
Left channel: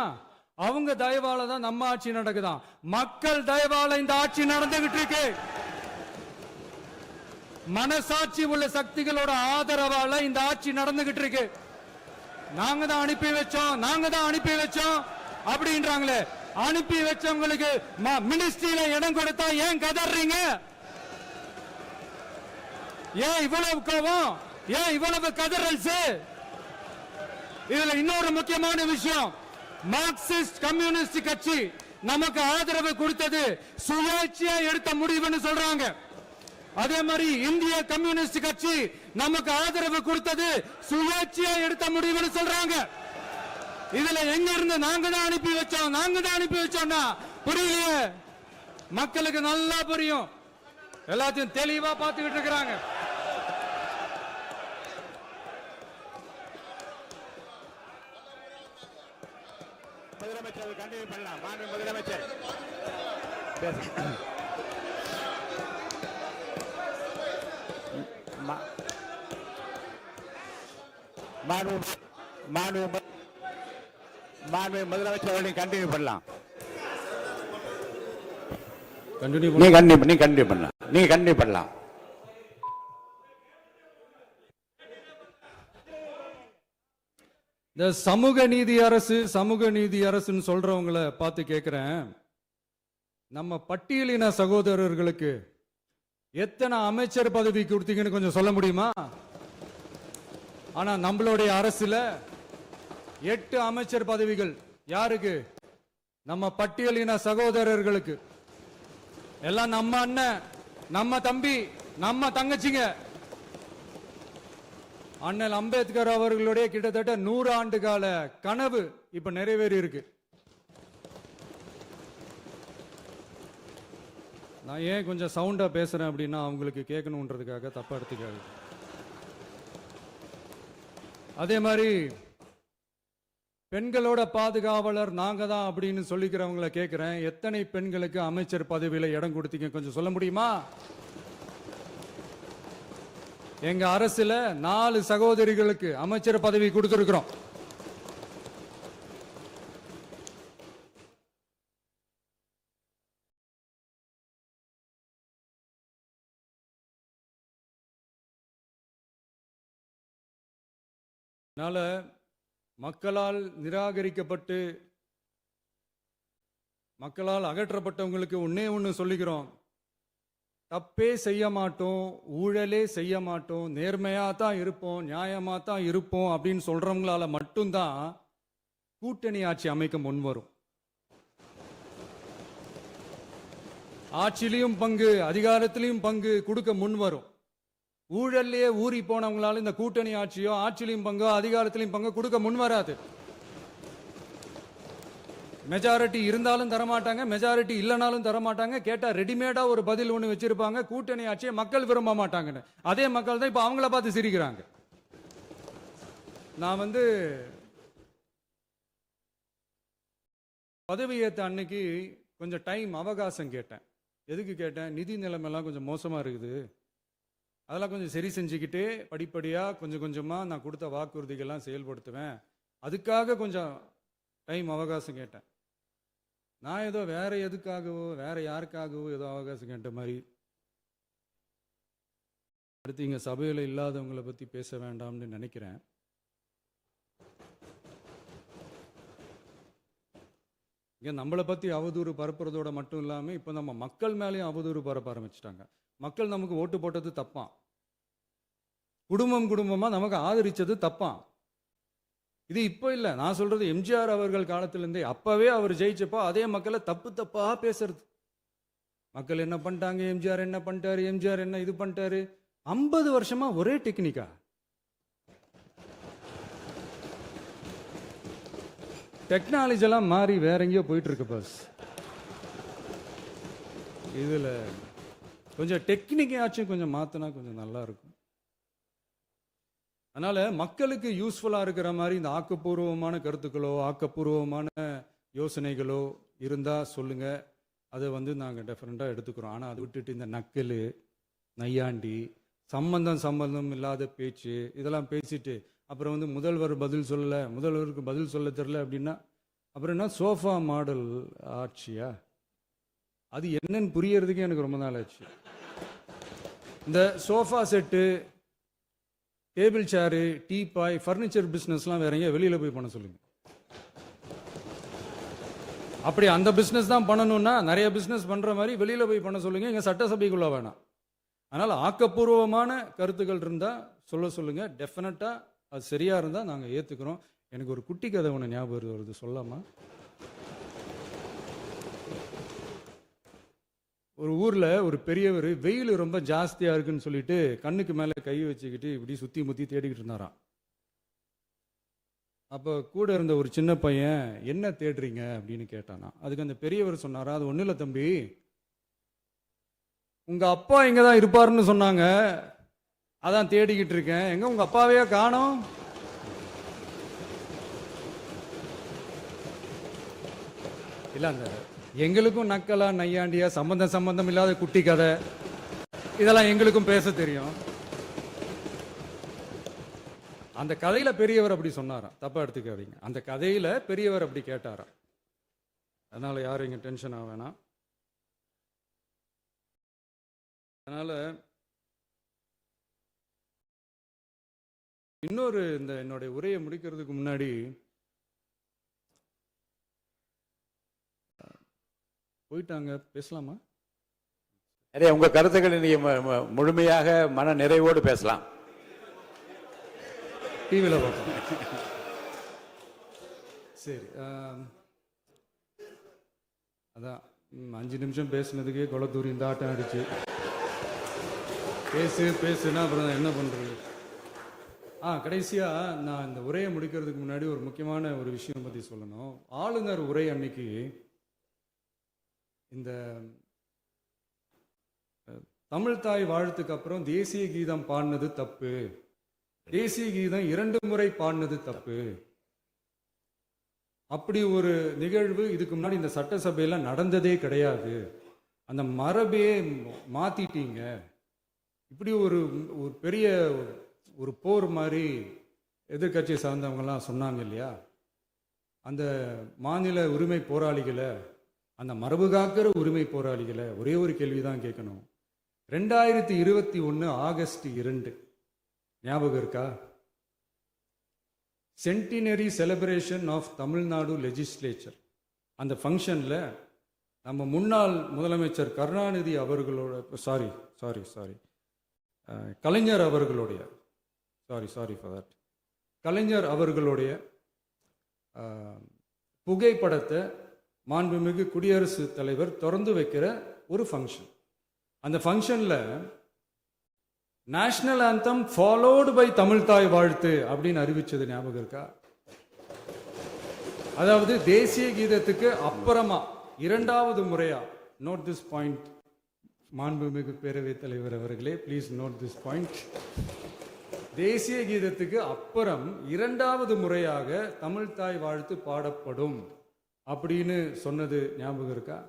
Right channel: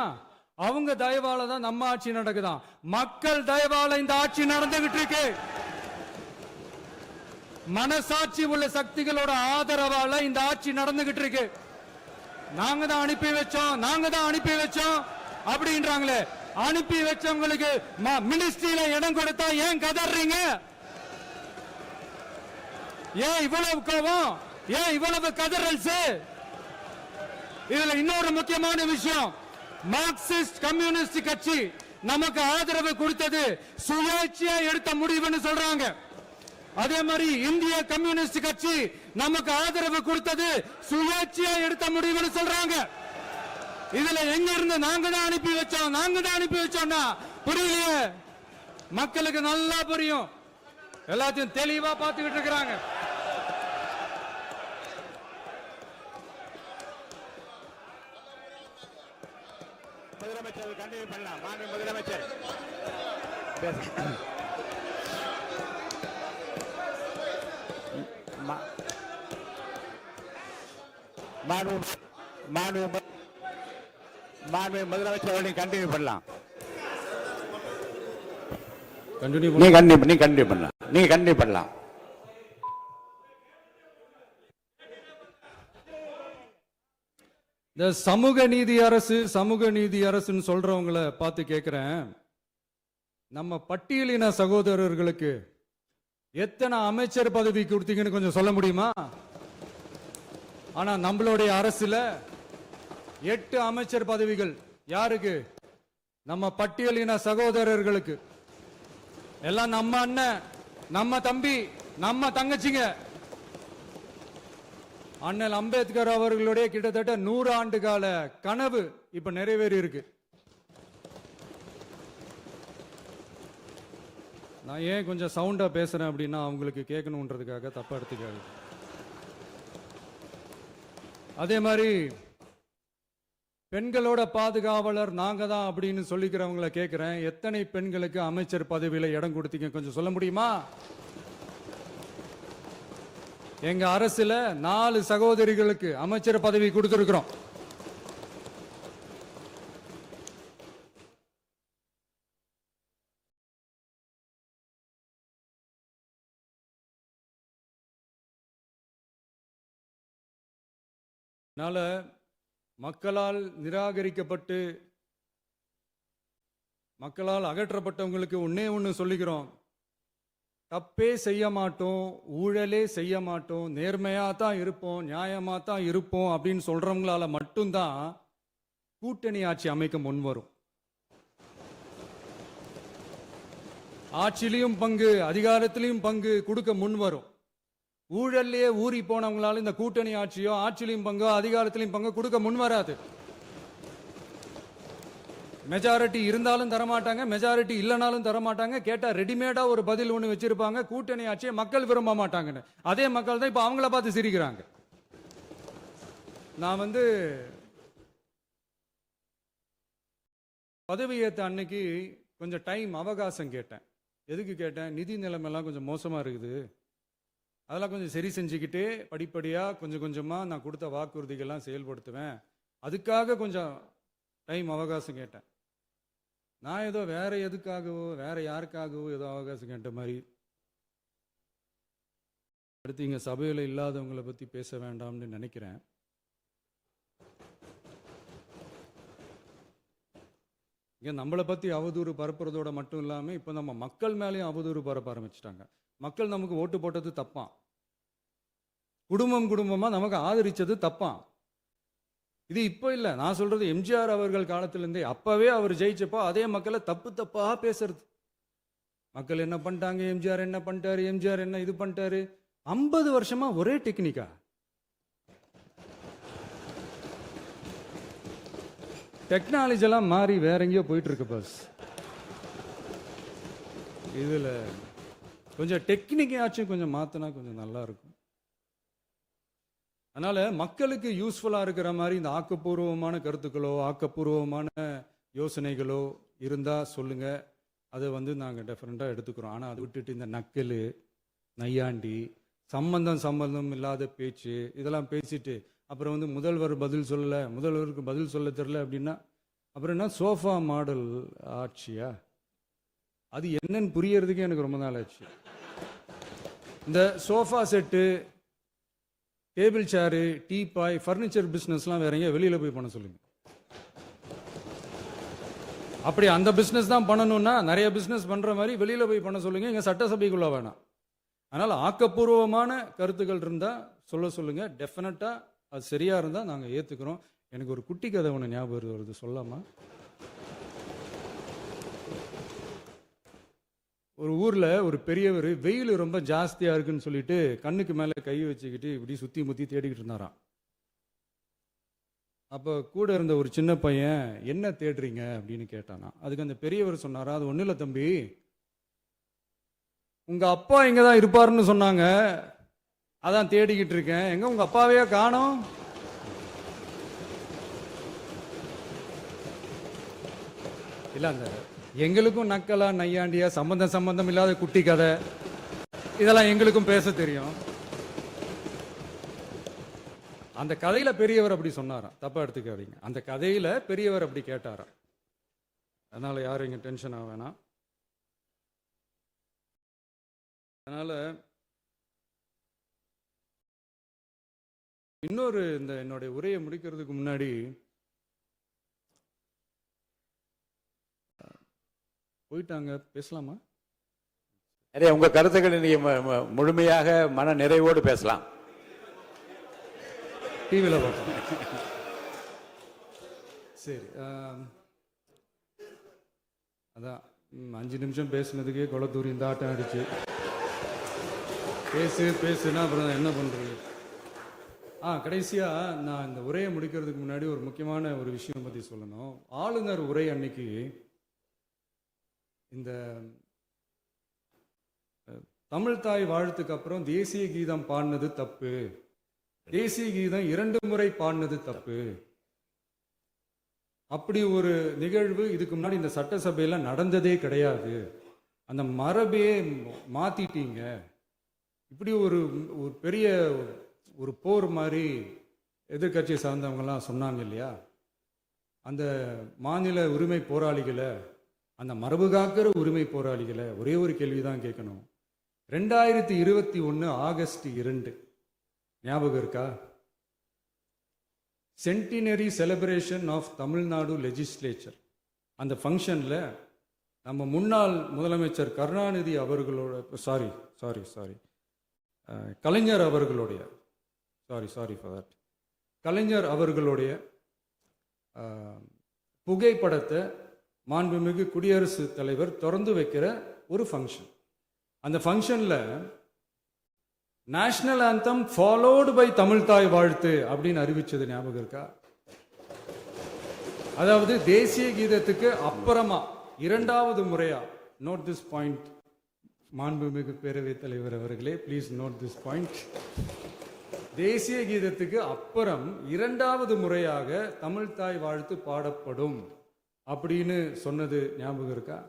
அவங்க தயவால தான் நம்ம ஆட்சி நடக்குதான். மக்கள் தயவால இந்த ஆட்சி நடந்துகிட்டு இருக்கு. மனசாட்சி உள்ள சக்திகளோட ஆதரவால இந்த ஆட்சி நடந்துகிட்டு இருக்கு. நாங்க தான் அனுப்பி வச்சோம் அப்படின்றாங்களே. அனுப்பி வச்சவங்களுக்கு மினிஸ்ட்ரியில இடம் கொடுத்தா ஏன் கதறீங்க? ஏன் இவ்வளவு கோபம்? ஏன் இவ்வளவு கதறல்? இதுல இன்னொரு முக்கியமான விஷயம், மார்க்சிஸ்ட் கம்யூனிஸ்ட் கட்சி நமக்கு ஆதரவு கொடுத்தது சுயேட்சையா எடுத்த முடிவுன்னு சொல்றாங்க. அதே மாதிரி இந்திய கம்யூனிஸ்ட் கட்சி நமக்கு ஆதரவு கொடுத்தது சுழற்சியா எடுத்த முடிவுன்னு சொல்றாங்க. இதுல எங்க இருந்து நாங்க தான் அனுப்பி வச்சோம்னா புரியலையே. மக்களுக்கு நல்லா புரியும், எல்லாத்தையும் தெளிவா பார்த்துக்கிட்டு இருக்கிறாங்க. முதலமைச்சர் கண்டினியூ பண்ணலாம். மாண்பு முதலமைச்சர் முதலமைச்சர் கண்டினியூ பண்ணலாம். நீங்க கண்டினியூ பண்ணலாம். இந்த சமூக நீதி அரசுன்னு சொல்றவங்களை பார்த்து கேட்கிறேன், நம்ம பட்டியலின சகோதரர்களுக்கு எத்தனை அமைச்சர் பதவி கொடுத்தீங்கன்னு கொஞ்சம் சொல்ல முடியுமா? ஆனா நம்மளுடைய அரசுல 8 அமைச்சர் பதவிகள் யாருக்கு? நம்ம பட்டியலின சகோதரர்களுக்கு. எல்லாம் நம்ம அண்ணன், நம்ம தம்பி, நம்ம தங்கச்சிங்க. அண்ணல் அம்பேத்கர் அவர்களுடைய கிட்டத்தட்ட 100 ஆண்டு கால கனவு இப்ப நிறைவேறி இருக்கு. நான் ஏன் கொஞ்சம் சவுண்டா பேசுறேன் அப்படின்னா அவங்களுக்கு கேட்கணுன்றதுக்காக தப்பா எடுத்துக்காது. அதே மாதிரி பெண்களோட பாதுகாவலர் நாங்க தான் அப்படின்னு சொல்லிக்கிறவங்களை கேட்கிறேன், எத்தனை பெண்களுக்கு அமைச்சர் பதவியில இடம் கொடுத்தீங்க கொஞ்சம் சொல்ல முடியுமா? எங்க அரசுல 4 சகோதரிகளுக்கு அமைச்சர் பதவி கொடுத்திருக்கிறோம். அதனால மக்களால் நிராகரிக்கப்பட்டு மக்களால் அகற்றப்பட்டவங்களுக்கு ஒண்ணு சொல்லிக்கிறோம், தப்பே செய்ய மாட்டோம், ஊழலே செய்ய மாட்டோம், நேர்மையா தான் இருப்போம், நியாயமா தான் இருப்போம் அப்படின்னு சொல்றவங்களால மட்டும்தான் கூட்டணி ஆட்சி அமைக்க முன்வரும். ஆட்சியிலையும் பங்கு, அதிகாரத்திலையும் பங்கு கொடுக்க முன்வரும். ஊழல்லையே ஊறி போனவங்களால இந்த கூட்டணி ஆட்சியோ ஆட்சியிலையும் பங்கோ அதிகாரத்திலையும் பங்கு கொடுக்க முன்வராது. மெஜாரிட்டி இருந்தாலும் தரமாட்டாங்க, மெஜாரிட்டி இல்லைனாலும் தரமாட்டாங்க. கேட்டா ரெடிமேடா ஒரு பதில் ஒண்ணு வச்சிருப்பாங்க, கூட்டணி ஆட்சியை மக்கள் விரும்ப மாட்டாங்கன்னு. அதே மக்கள் தான் இப்ப அவங்கள பார்த்து சிரிக்கிறாங்க. நான் பதவி ஏத்த அன்னைக்கு கொஞ்சம் டைம் அவகாசம் கேட்டேன். எதுக்கு கேட்டேன்? நிதி நிலைமைலாம் கொஞ்சம் மோசமா இருக்குது, அதெல்லாம் கொஞ்சம் சரி செஞ்சுக்கிட்டே படிப்படியா கொஞ்சம் கொஞ்சமா நான் கொடுத்த வாக்குறுதிகள்லாம் செயல்படுத்துவேன், அதுக்காக கொஞ்சம் டைம் அவகாசம் கேட்டேன். நான் ஏதோ வேற எதுக்காகவோ வேற யாருக்காகவோ ஏதோ அவகாசம் கேட்ட மாதிரி. அடுத்து இங்க சபையில இல்லாதவங்களை பத்தி பேச வேண்டாம்னு நினைக்கிறேன். இங்க நம்மளை பத்தி அவதூறு பரப்புறதோட மட்டும் இல்லாம இப்ப நம்ம மக்கள் மேலேயும் அவதூறு பரப்ப ஆரம்பிச்சிட்டாங்க. மக்கள் நமக்கு ஓட்டு போட்டது தப்பான், குடும்பமா நமக்கு ஆதரிச்சது தப்பான். இது இப்ப இல்ல, நான் சொல்றது எம்ஜிஆர் அவர்கள் காலத்திலிருந்தே. அப்பவே அவர் ஜெயிச்சப்போ அதே மக்களை தப்பா பேசுறது. மக்கள் என்ன பண்ணிட்டாங்க, எம்ஜிஆர் என்ன பண்ணிட்டாரு, எம்ஜிஆர் என்ன இது பண்ணிட்டாரு. 50 வருஷமா ஒரே டெக்னிக்கா. டெக்னாலஜி எல்லாம் மாறி வேற எங்கேயோ போயிட்டு இருக்கு பஸ். இதுல கொஞ்சம் டெக்னிக்காச்சும் கொஞ்சம் மாத்தினா கொஞ்சம் நல்லா இருக்கும். அதனால மக்களுக்கு யூஸ்ஃபுல்லா இருக்கிற மாதிரி இந்த ஆக்கப்பூர்வமான கருத்துக்களோ ஆக்கப்பூர்வமான யோசனைகளோ இருந்தா சொல்லுங்க, அதை நாங்க டெஃபரெண்டா எடுத்துக்கிறோம். ஆனா அதை விட்டுட்டு இந்த நக்கல் நையாண்டி சம்பந்தம் இல்லாத பேச்சு இதெல்லாம் பேசிட்டு அப்புறம் முதல்வர் பதில் சொல்லல, முதல்வருக்கு பதில் சொல்ல தெரியல அப்படின்னா அப்புறம் என்ன சோஃபா மாடல் ஆட்சியா? அது என்னன்னு புரியறதுக்கே எனக்கு ரொம்ப நாள் ஆச்சு. இந்த sofa set, table chair, teapoy, furniture பிசினஸ்லாம் வேற எங்க வெளியில போய் பண்ண சொல்லுங்க. அப்படி அந்த பிசினஸ் தான் பண்ணணும்னா நிறைய பிசினஸ் பண்ற மாதிரி வெளியில போய் பண்ண சொல்லுங்க, இங்க சட்டசபைக்குள்ள வேணாம். அதனால ஆக்கப்பூர்வமான கருத்துக்கள் இருந்தா சொல்லுங்க, டெஃபினட்டா அது சரியா இருந்தா நாங்க ஏத்துக்கிறோம். எனக்கு ஒரு குட்டி கதை ஒன்று ஞாபகம் வருது, சொல்லாமா? ஒரு ஊர்ல ஒரு பெரியவர் வெயில் ரொம்ப ஜாஸ்தியா இருக்குன்னு சொல்லிட்டு கண்ணுக்கு மேல கை வச்சுக்கிட்டு இப்படி சுத்தி முத்தி தேடிக்கிட்டு இருந்தாராம். அப்ப கூட இருந்த ஒரு சின்ன பையன் என்ன தேடுறீங்க அப்படின்னு கேட்டானா. அதுக்கு அந்த பெரியவர் சொன்னாரா, அது ஒண்ணு இல்ல தம்பி, உங்க அப்பா இங்கதான் இருப்பாருன்னு சொன்னாங்க, அதான் தேடிக்கிட்டு இருக்கேன். எங்க உங்க அப்பாவையா காணோம்? இல்ல அந்த எங்களுக்கும் நக்கலா நையாண்டியா சம்பந்தம் இல்லாத குட்டி கதை இதெல்லாம் எங்களுக்கும் பேச தெரியும். அந்த கதையில பெரியவர் அப்படி சொன்னாராம், தப்பா எடுத்துக்காதீங்க. அந்த கதையில பெரியவர் அப்படி கேட்டாராம். அதனால யாரும் இங்க டென்ஷன் ஆக வேணாம். அதனால இன்னொரு இந்த என்னுடைய உரையை முடிக்கிறதுக்கு முன்னாடி போயிட்டாங்க, பேசலாமா? நிறைய உங்க கருத்துக்களை நீங்க முழுமையாக மன நிறைவோடு பேசலாம். டிவியில பார்ப்போம். சரி, அதான் 5 நிமிஷம் பேசுனதுக்கே கொலத்தூரி இந்த ஆட்டம் ஆயிடுச்சு. பேசுனா அப்புறம் என்ன பண்றது? கடைசியா நான் இந்த உரையை முடிக்கிறதுக்கு முன்னாடி ஒரு முக்கியமான ஒரு விஷயம் பத்தி சொல்லணும். ஆளுநர் உரை அன்னைக்கு இந்த தமிழ் தாய் வாழ்த்துக்கு அப்புறம் தேசிய கீதம் பாடினது தப்பு, தேசிய கீதம் 2 முறை பாடினது தப்பு, அப்படி ஒரு நிகழ்வு இதுக்கு முன்னாடி இந்த சட்டசபையில நடந்ததே கிடையாது, அந்த மரபே மாத்திட்டீங்க, இப்படி ஒரு பெரிய ஒரு போர் மாதிரி எதிர்கட்சியை சார்ந்தவங்கலாம் சொன்னாங்க இல்லையா. அந்த மாநில உரிமை போராளிகளை, அந்த மரபு காக்கிற உரிமை போராளிகளை ஒரே ஒரு கேள்விதான் கேட்கணும். 2021 ஆகஸ்ட் 2 ஞாபகம் இருக்கா? Centenary celebration of Tamil Nadu legislature. அந்த ஃபங்க்ஷன்ல நம்ம முன்னாள் முதலமைச்சர் கருணாநிதி அவர்களோட கலைஞர் அவர்களுடைய கலைஞர் அவர்களுடைய புகைப்படத்தை மாண்புமிகு குடியரசுத் தலைவர் திறந்து வைக்கிற ஒரு ஃபங்க்ஷன். அந்த ஃபங்க்ஷன்ல national anthem followed by Tamil Thai Vazhthu அப்படின்னு அறிவிச்சது ஞாபகம் இருக்கா? அதாவது தேசிய கீதத்துக்கு அப்புறமா 2வது முறையா, நோட் திஸ் பாயிண்ட் மாண்புமிகு பேரவைத் தலைவர் அவர்களே, ப்ளீஸ் நோட் திஸ் பாயிண்ட். தேசிய கீதத்துக்கு அப்புறம் 2வது முறையாக தமிழ் தாய் வாழ்த்து பாடப்படும் அப்படின்னு சொன்னது ஞாபகம் இருக்கா?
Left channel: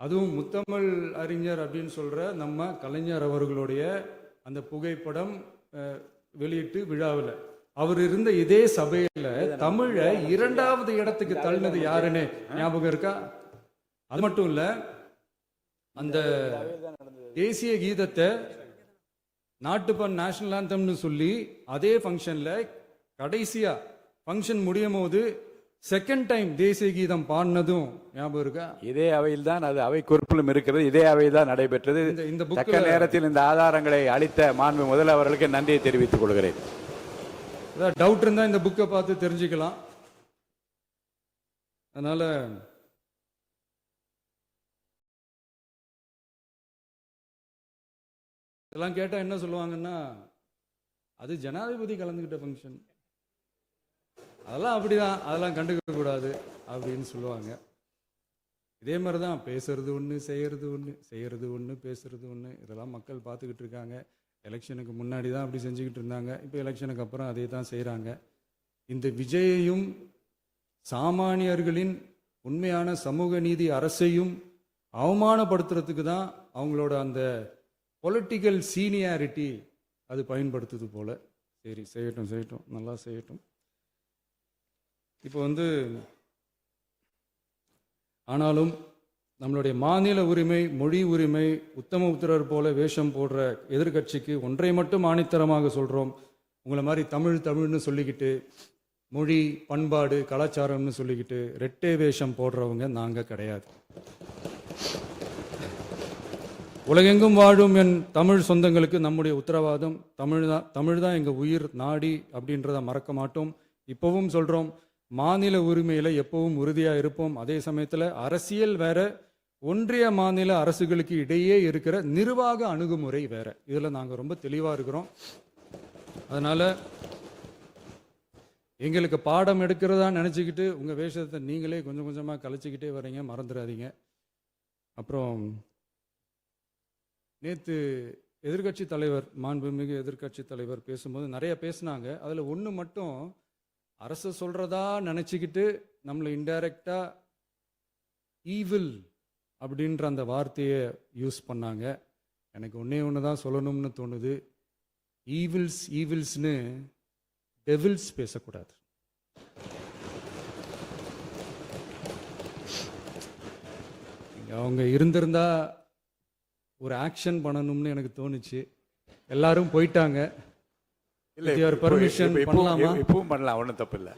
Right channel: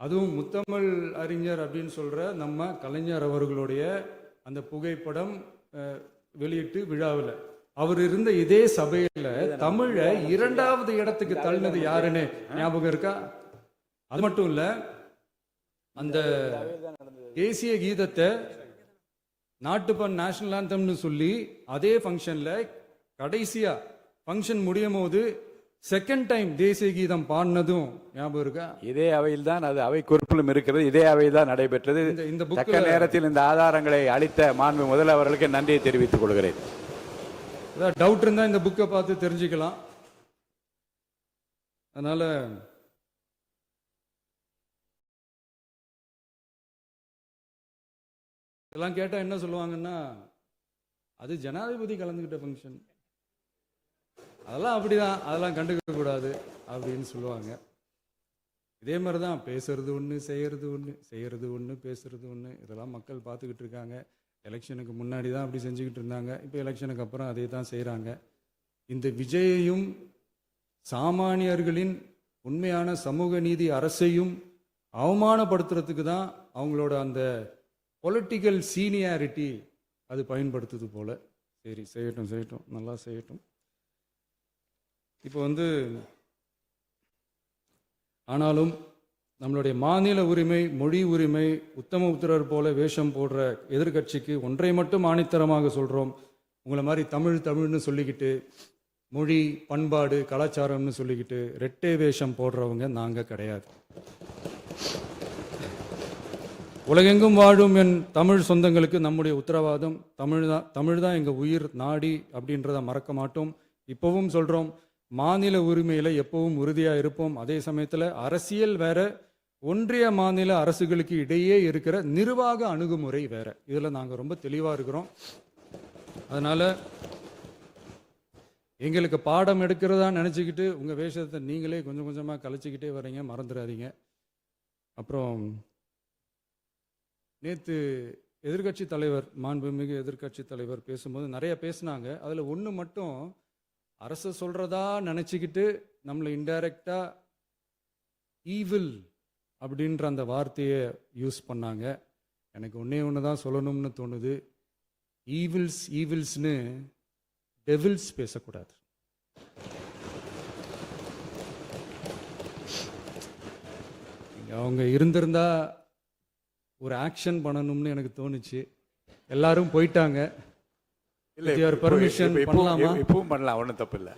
அதுவும் முத்தமிழ் அறிஞர் அப்படின்னு சொல்ற நம்ம கலைஞர் அவர்களுடைய அந்த புகைப்படம் வெளியிட்டு விழாவில் அவர் இருந்த இதே சபையில தமிழ 2வது இடத்துக்கு தள்ளினது யாருன்னு ஞாபகம் இருக்கா? அது மட்டும் இல்ல, அந்த தேசிய கீதத்தை நாட்டுப்பண் நேஷனல் ஆந்தம்னு சொல்லி அதே ஃபங்க்ஷன்ல கடைசியா ஃபங்க்ஷன் முடியும் போது செகண்ட் டைம் தேசிய கீதம் பாடினதும் ஞாபகம் இருக்கா? இதே அவையில் தான், அது அவை குறிப்பிலும் இருக்கிறது, இதே அவையில் தான் நடைபெற்றது. இந்த தக்க நேரத்தில் இந்த ஆதாரங்களை அளித்த மாண்பு முதல் அவர்களுக்கு நன்றியை தெரிவித்துக் கொள்கிறேன். டவுட் இருந்தா இந்த புக்கை பார்த்து தெரிஞ்சுக்கலாம். அதனால இதெல்லாம் கேட்டா என்ன சொல்லுவாங்கன்னா, அது ஜனாதிபதி கலந்துகிட்ட ஃபங்க்ஷன், அதெல்லாம் அப்படிதான், அதெல்லாம் கண்டுக்க கூடாது அப்படின்னு சொல்லுவாங்க. இதே மாதிரிதான் பேசுறது ஒண்ணு, செய்யறது ஒண்ணு, பேசுறது ஒண்ணு. இதெல்லாம் மக்கள் பார்த்துக்கிட்டு இருக்காங்க. எலெக்ஷனுக்கு முன்னாடி தான் அப்படி செஞ்சுக்கிட்டு இருந்தாங்க, இப்போ எலெக்ஷனுக்கு அப்புறம் அதே தான் செய்யறாங்க. இந்த விஜயையும் சாமானியர்களின் உண்மையான சமூக நீதி அரசையும் அவமானப்படுத்துறதுக்கு தான் அவங்களோட அந்த பொலிட்டிக்கல் சீனியாரிட்டி அது பயன்படுத்துது போல. சரி, செய்யட்டும், நல்லா செய்யட்டும். இப்போ ஆனாலும் நம்மளுடைய மாநில உரிமை, மொழி உரிமை, உத்தம உத்தரர் போல வேஷம் போடுற எதிர்கட்சிக்கு ஒன்றை மட்டும் ஆணித்தரமாக சொல்றோம். உங்களை மாதிரி தமிழ்னு சொல்லிக்கிட்டு, மொழி, பண்பாடு, கலாச்சாரம்னு சொல்லிக்கிட்டு ரெட்டை வேஷம் போடுறவங்க நாங்க கிடையாது. உலகெங்கும் வாழும் என் தமிழ் சொந்தங்களுக்கு நம்முடைய உத்தரவாதம் தமிழ் தான் எங்க உயிர் நாடி அப்படின்றத மறக்க மாட்டோம். இப்பவும் சொல்றோம், மாநில உரிமையில எப்பவும் உறுதியா இருப்போம். அதே சமயத்துல அரசியல் வேற, ஒன்றிய மாநில அரசுகளுக்கு இடையே இருக்கிற நிர்வாக அணுகுமுறை வேற. இதுல நாங்க ரொம்ப தெளிவா இருக்கிறோம். அதனால எங்களுக்கு பாடம் எடுக்கிறதா நினைச்சுக்கிட்டு உங்க வேஷத்தை நீங்களே கொஞ்சம் கொஞ்சமா கலைச்சிக்கிட்டே வர்றீங்க, மறந்துடாதீங்க. அப்புறம் நேத்து எதிர்க்கட்சி தலைவர், மாண்புமிகு எதிர்க்கட்சி தலைவர் பேசும்போது நிறைய பேசினாங்க. அதுல ஒண்ணு மட்டும் அரசு சொல்றதா நினைச்சுக்கிட்டு நம்மளை இன்டைரக்டா ஈவில் அப்படின்ற அந்த வார்த்தையை யூஸ் பண்ணாங்க. எனக்கு ஒன்னே ஒண்ணுதான் சொல்லணும்னு தோணுது. ஈவில்ஸ்னு டெவில்ஸ் பேசக்கூடாது. அவங்க இருந்திருந்தா ஒரு ஆக்ஷன் பண்ணணும்னு எனக்கு தோணுச்சு. எல்லாரும் போயிட்டாங்க. பர்மிஷன் பண்ணலாமா? இப்பவும் பண்ணலாம், ஒன்றும் தப்பு இல்லை.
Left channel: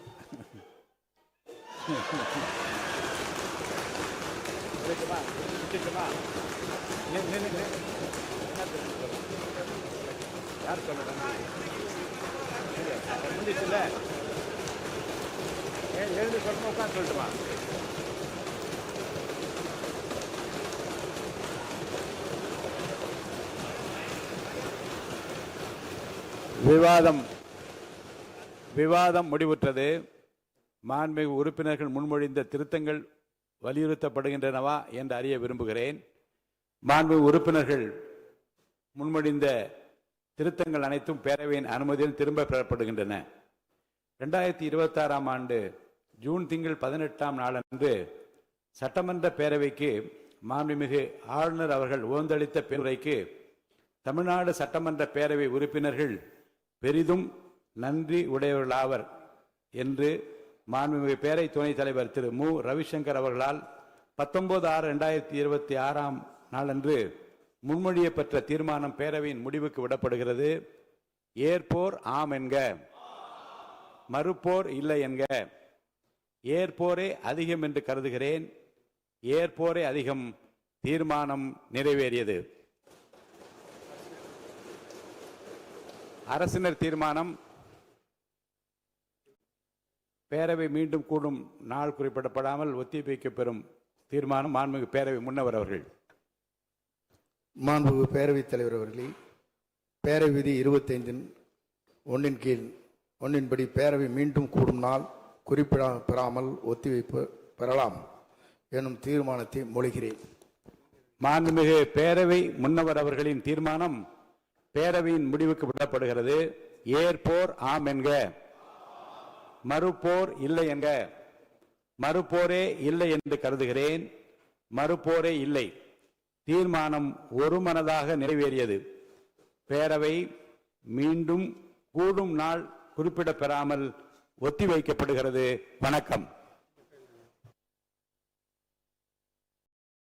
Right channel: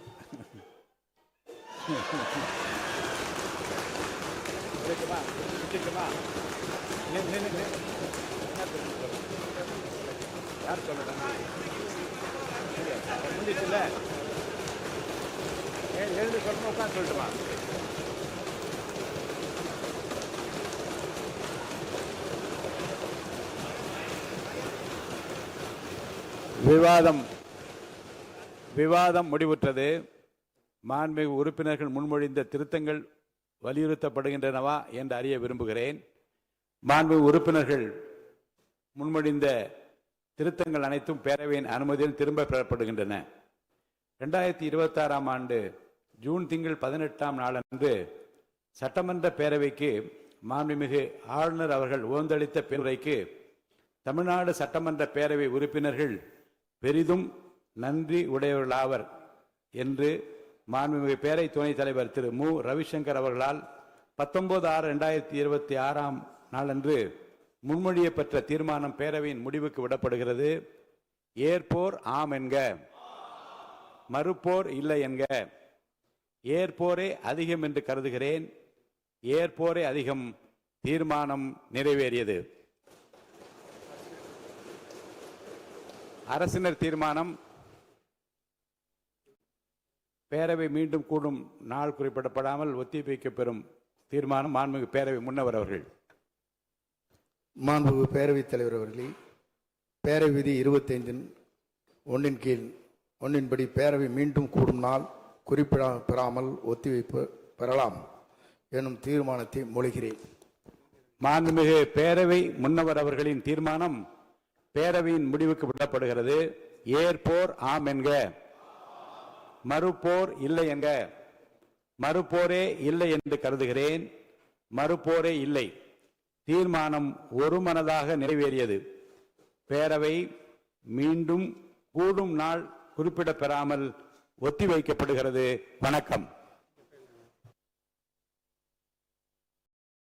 சொல்லட்டுமா? விவாதம் முடிவுற்றது. மாண்புமிகு உறுப்பினர்கள் முன்மொழிந்த திருத்தங்கள் வலியுறுத்தப்படுகின்றனவா என்று அறிய விரும்புகிறேன். மாண்புமிகு உறுப்பினர்கள் முன்மொழிந்த திருத்தங்கள் அனைத்தும் பேரவையின் அனுமதியில் திரும்ப பெறப்படுகின்றன. 2026 ஆண்டு ஜூன் திங்கள் 18ஆம் நாளன்று சட்டமன்ற பேரவைக்கு மாண்புமிகு ஆளுநர் அவர்கள் ஓந்தளித்த பெருரைக்கு தமிழ்நாடு சட்டமன்ற பேரவை உறுப்பினர்கள் பெரிதும் நன்றி உடையவர்களாவர் என்று மாண்புமிகு பேரவை துணைத் தலைவர் திரு மு. ரவிசங்கர் அவர்களால் 19/6/2026 நாளன்று முன்மொழியப்பெற்ற தீர்மானம் பேரவையின் முடிவுக்கு விடப்படுகிறது. ஏற்போர் ஆம் என்க, மறுப்போர் இல்லை என்க. ஏற்போரே அதிகம் என்று கருதுகிறேன். ஏற்போரே அதிகம். தீர்மானம் நிறைவேறியது. அரசினர் தீர்மானம். பேரவை மீண்டும் கூடும் நாள் குறிப்பிடப்படாமல் ஒத்திவைக்கப்பெறும் தீர்மானம். மாண்புமிகு பேரவை முன்னவர் அவர்கள். மாண்புமிகு பேரவைத் தலைவர் அவர்களே, பேரவை விதி 25(1) கீழ் 1 படி பேரவை மீண்டும் கூடும் நாள் குறிப்பிடப்பெறாமல் ஒத்திவைப்பு பெறலாம் எனும் தீர்மானத்தை மொழிகிறேன். மாண்புமிகு பேரவை முன்னவர் அவர்களின் தீர்மானம் பேரவையின் முடிவுக்கு விடப்படுகிறது. ஏற்போர் ஆம் என்க, மறுப்போர் இல்லை என்க. மறுப்போரே இல்லை என்று கருதுகிறேன். மறுப்போரே இல்லை. தீர்மானம் ஒருமனதாக நிறைவேறியது. பேரவை மீண்டும் கூடும் நாள் குறிப்பிடப்பெறாமல் ஒத்திவைக்கப்படுகிறது. வணக்கம்.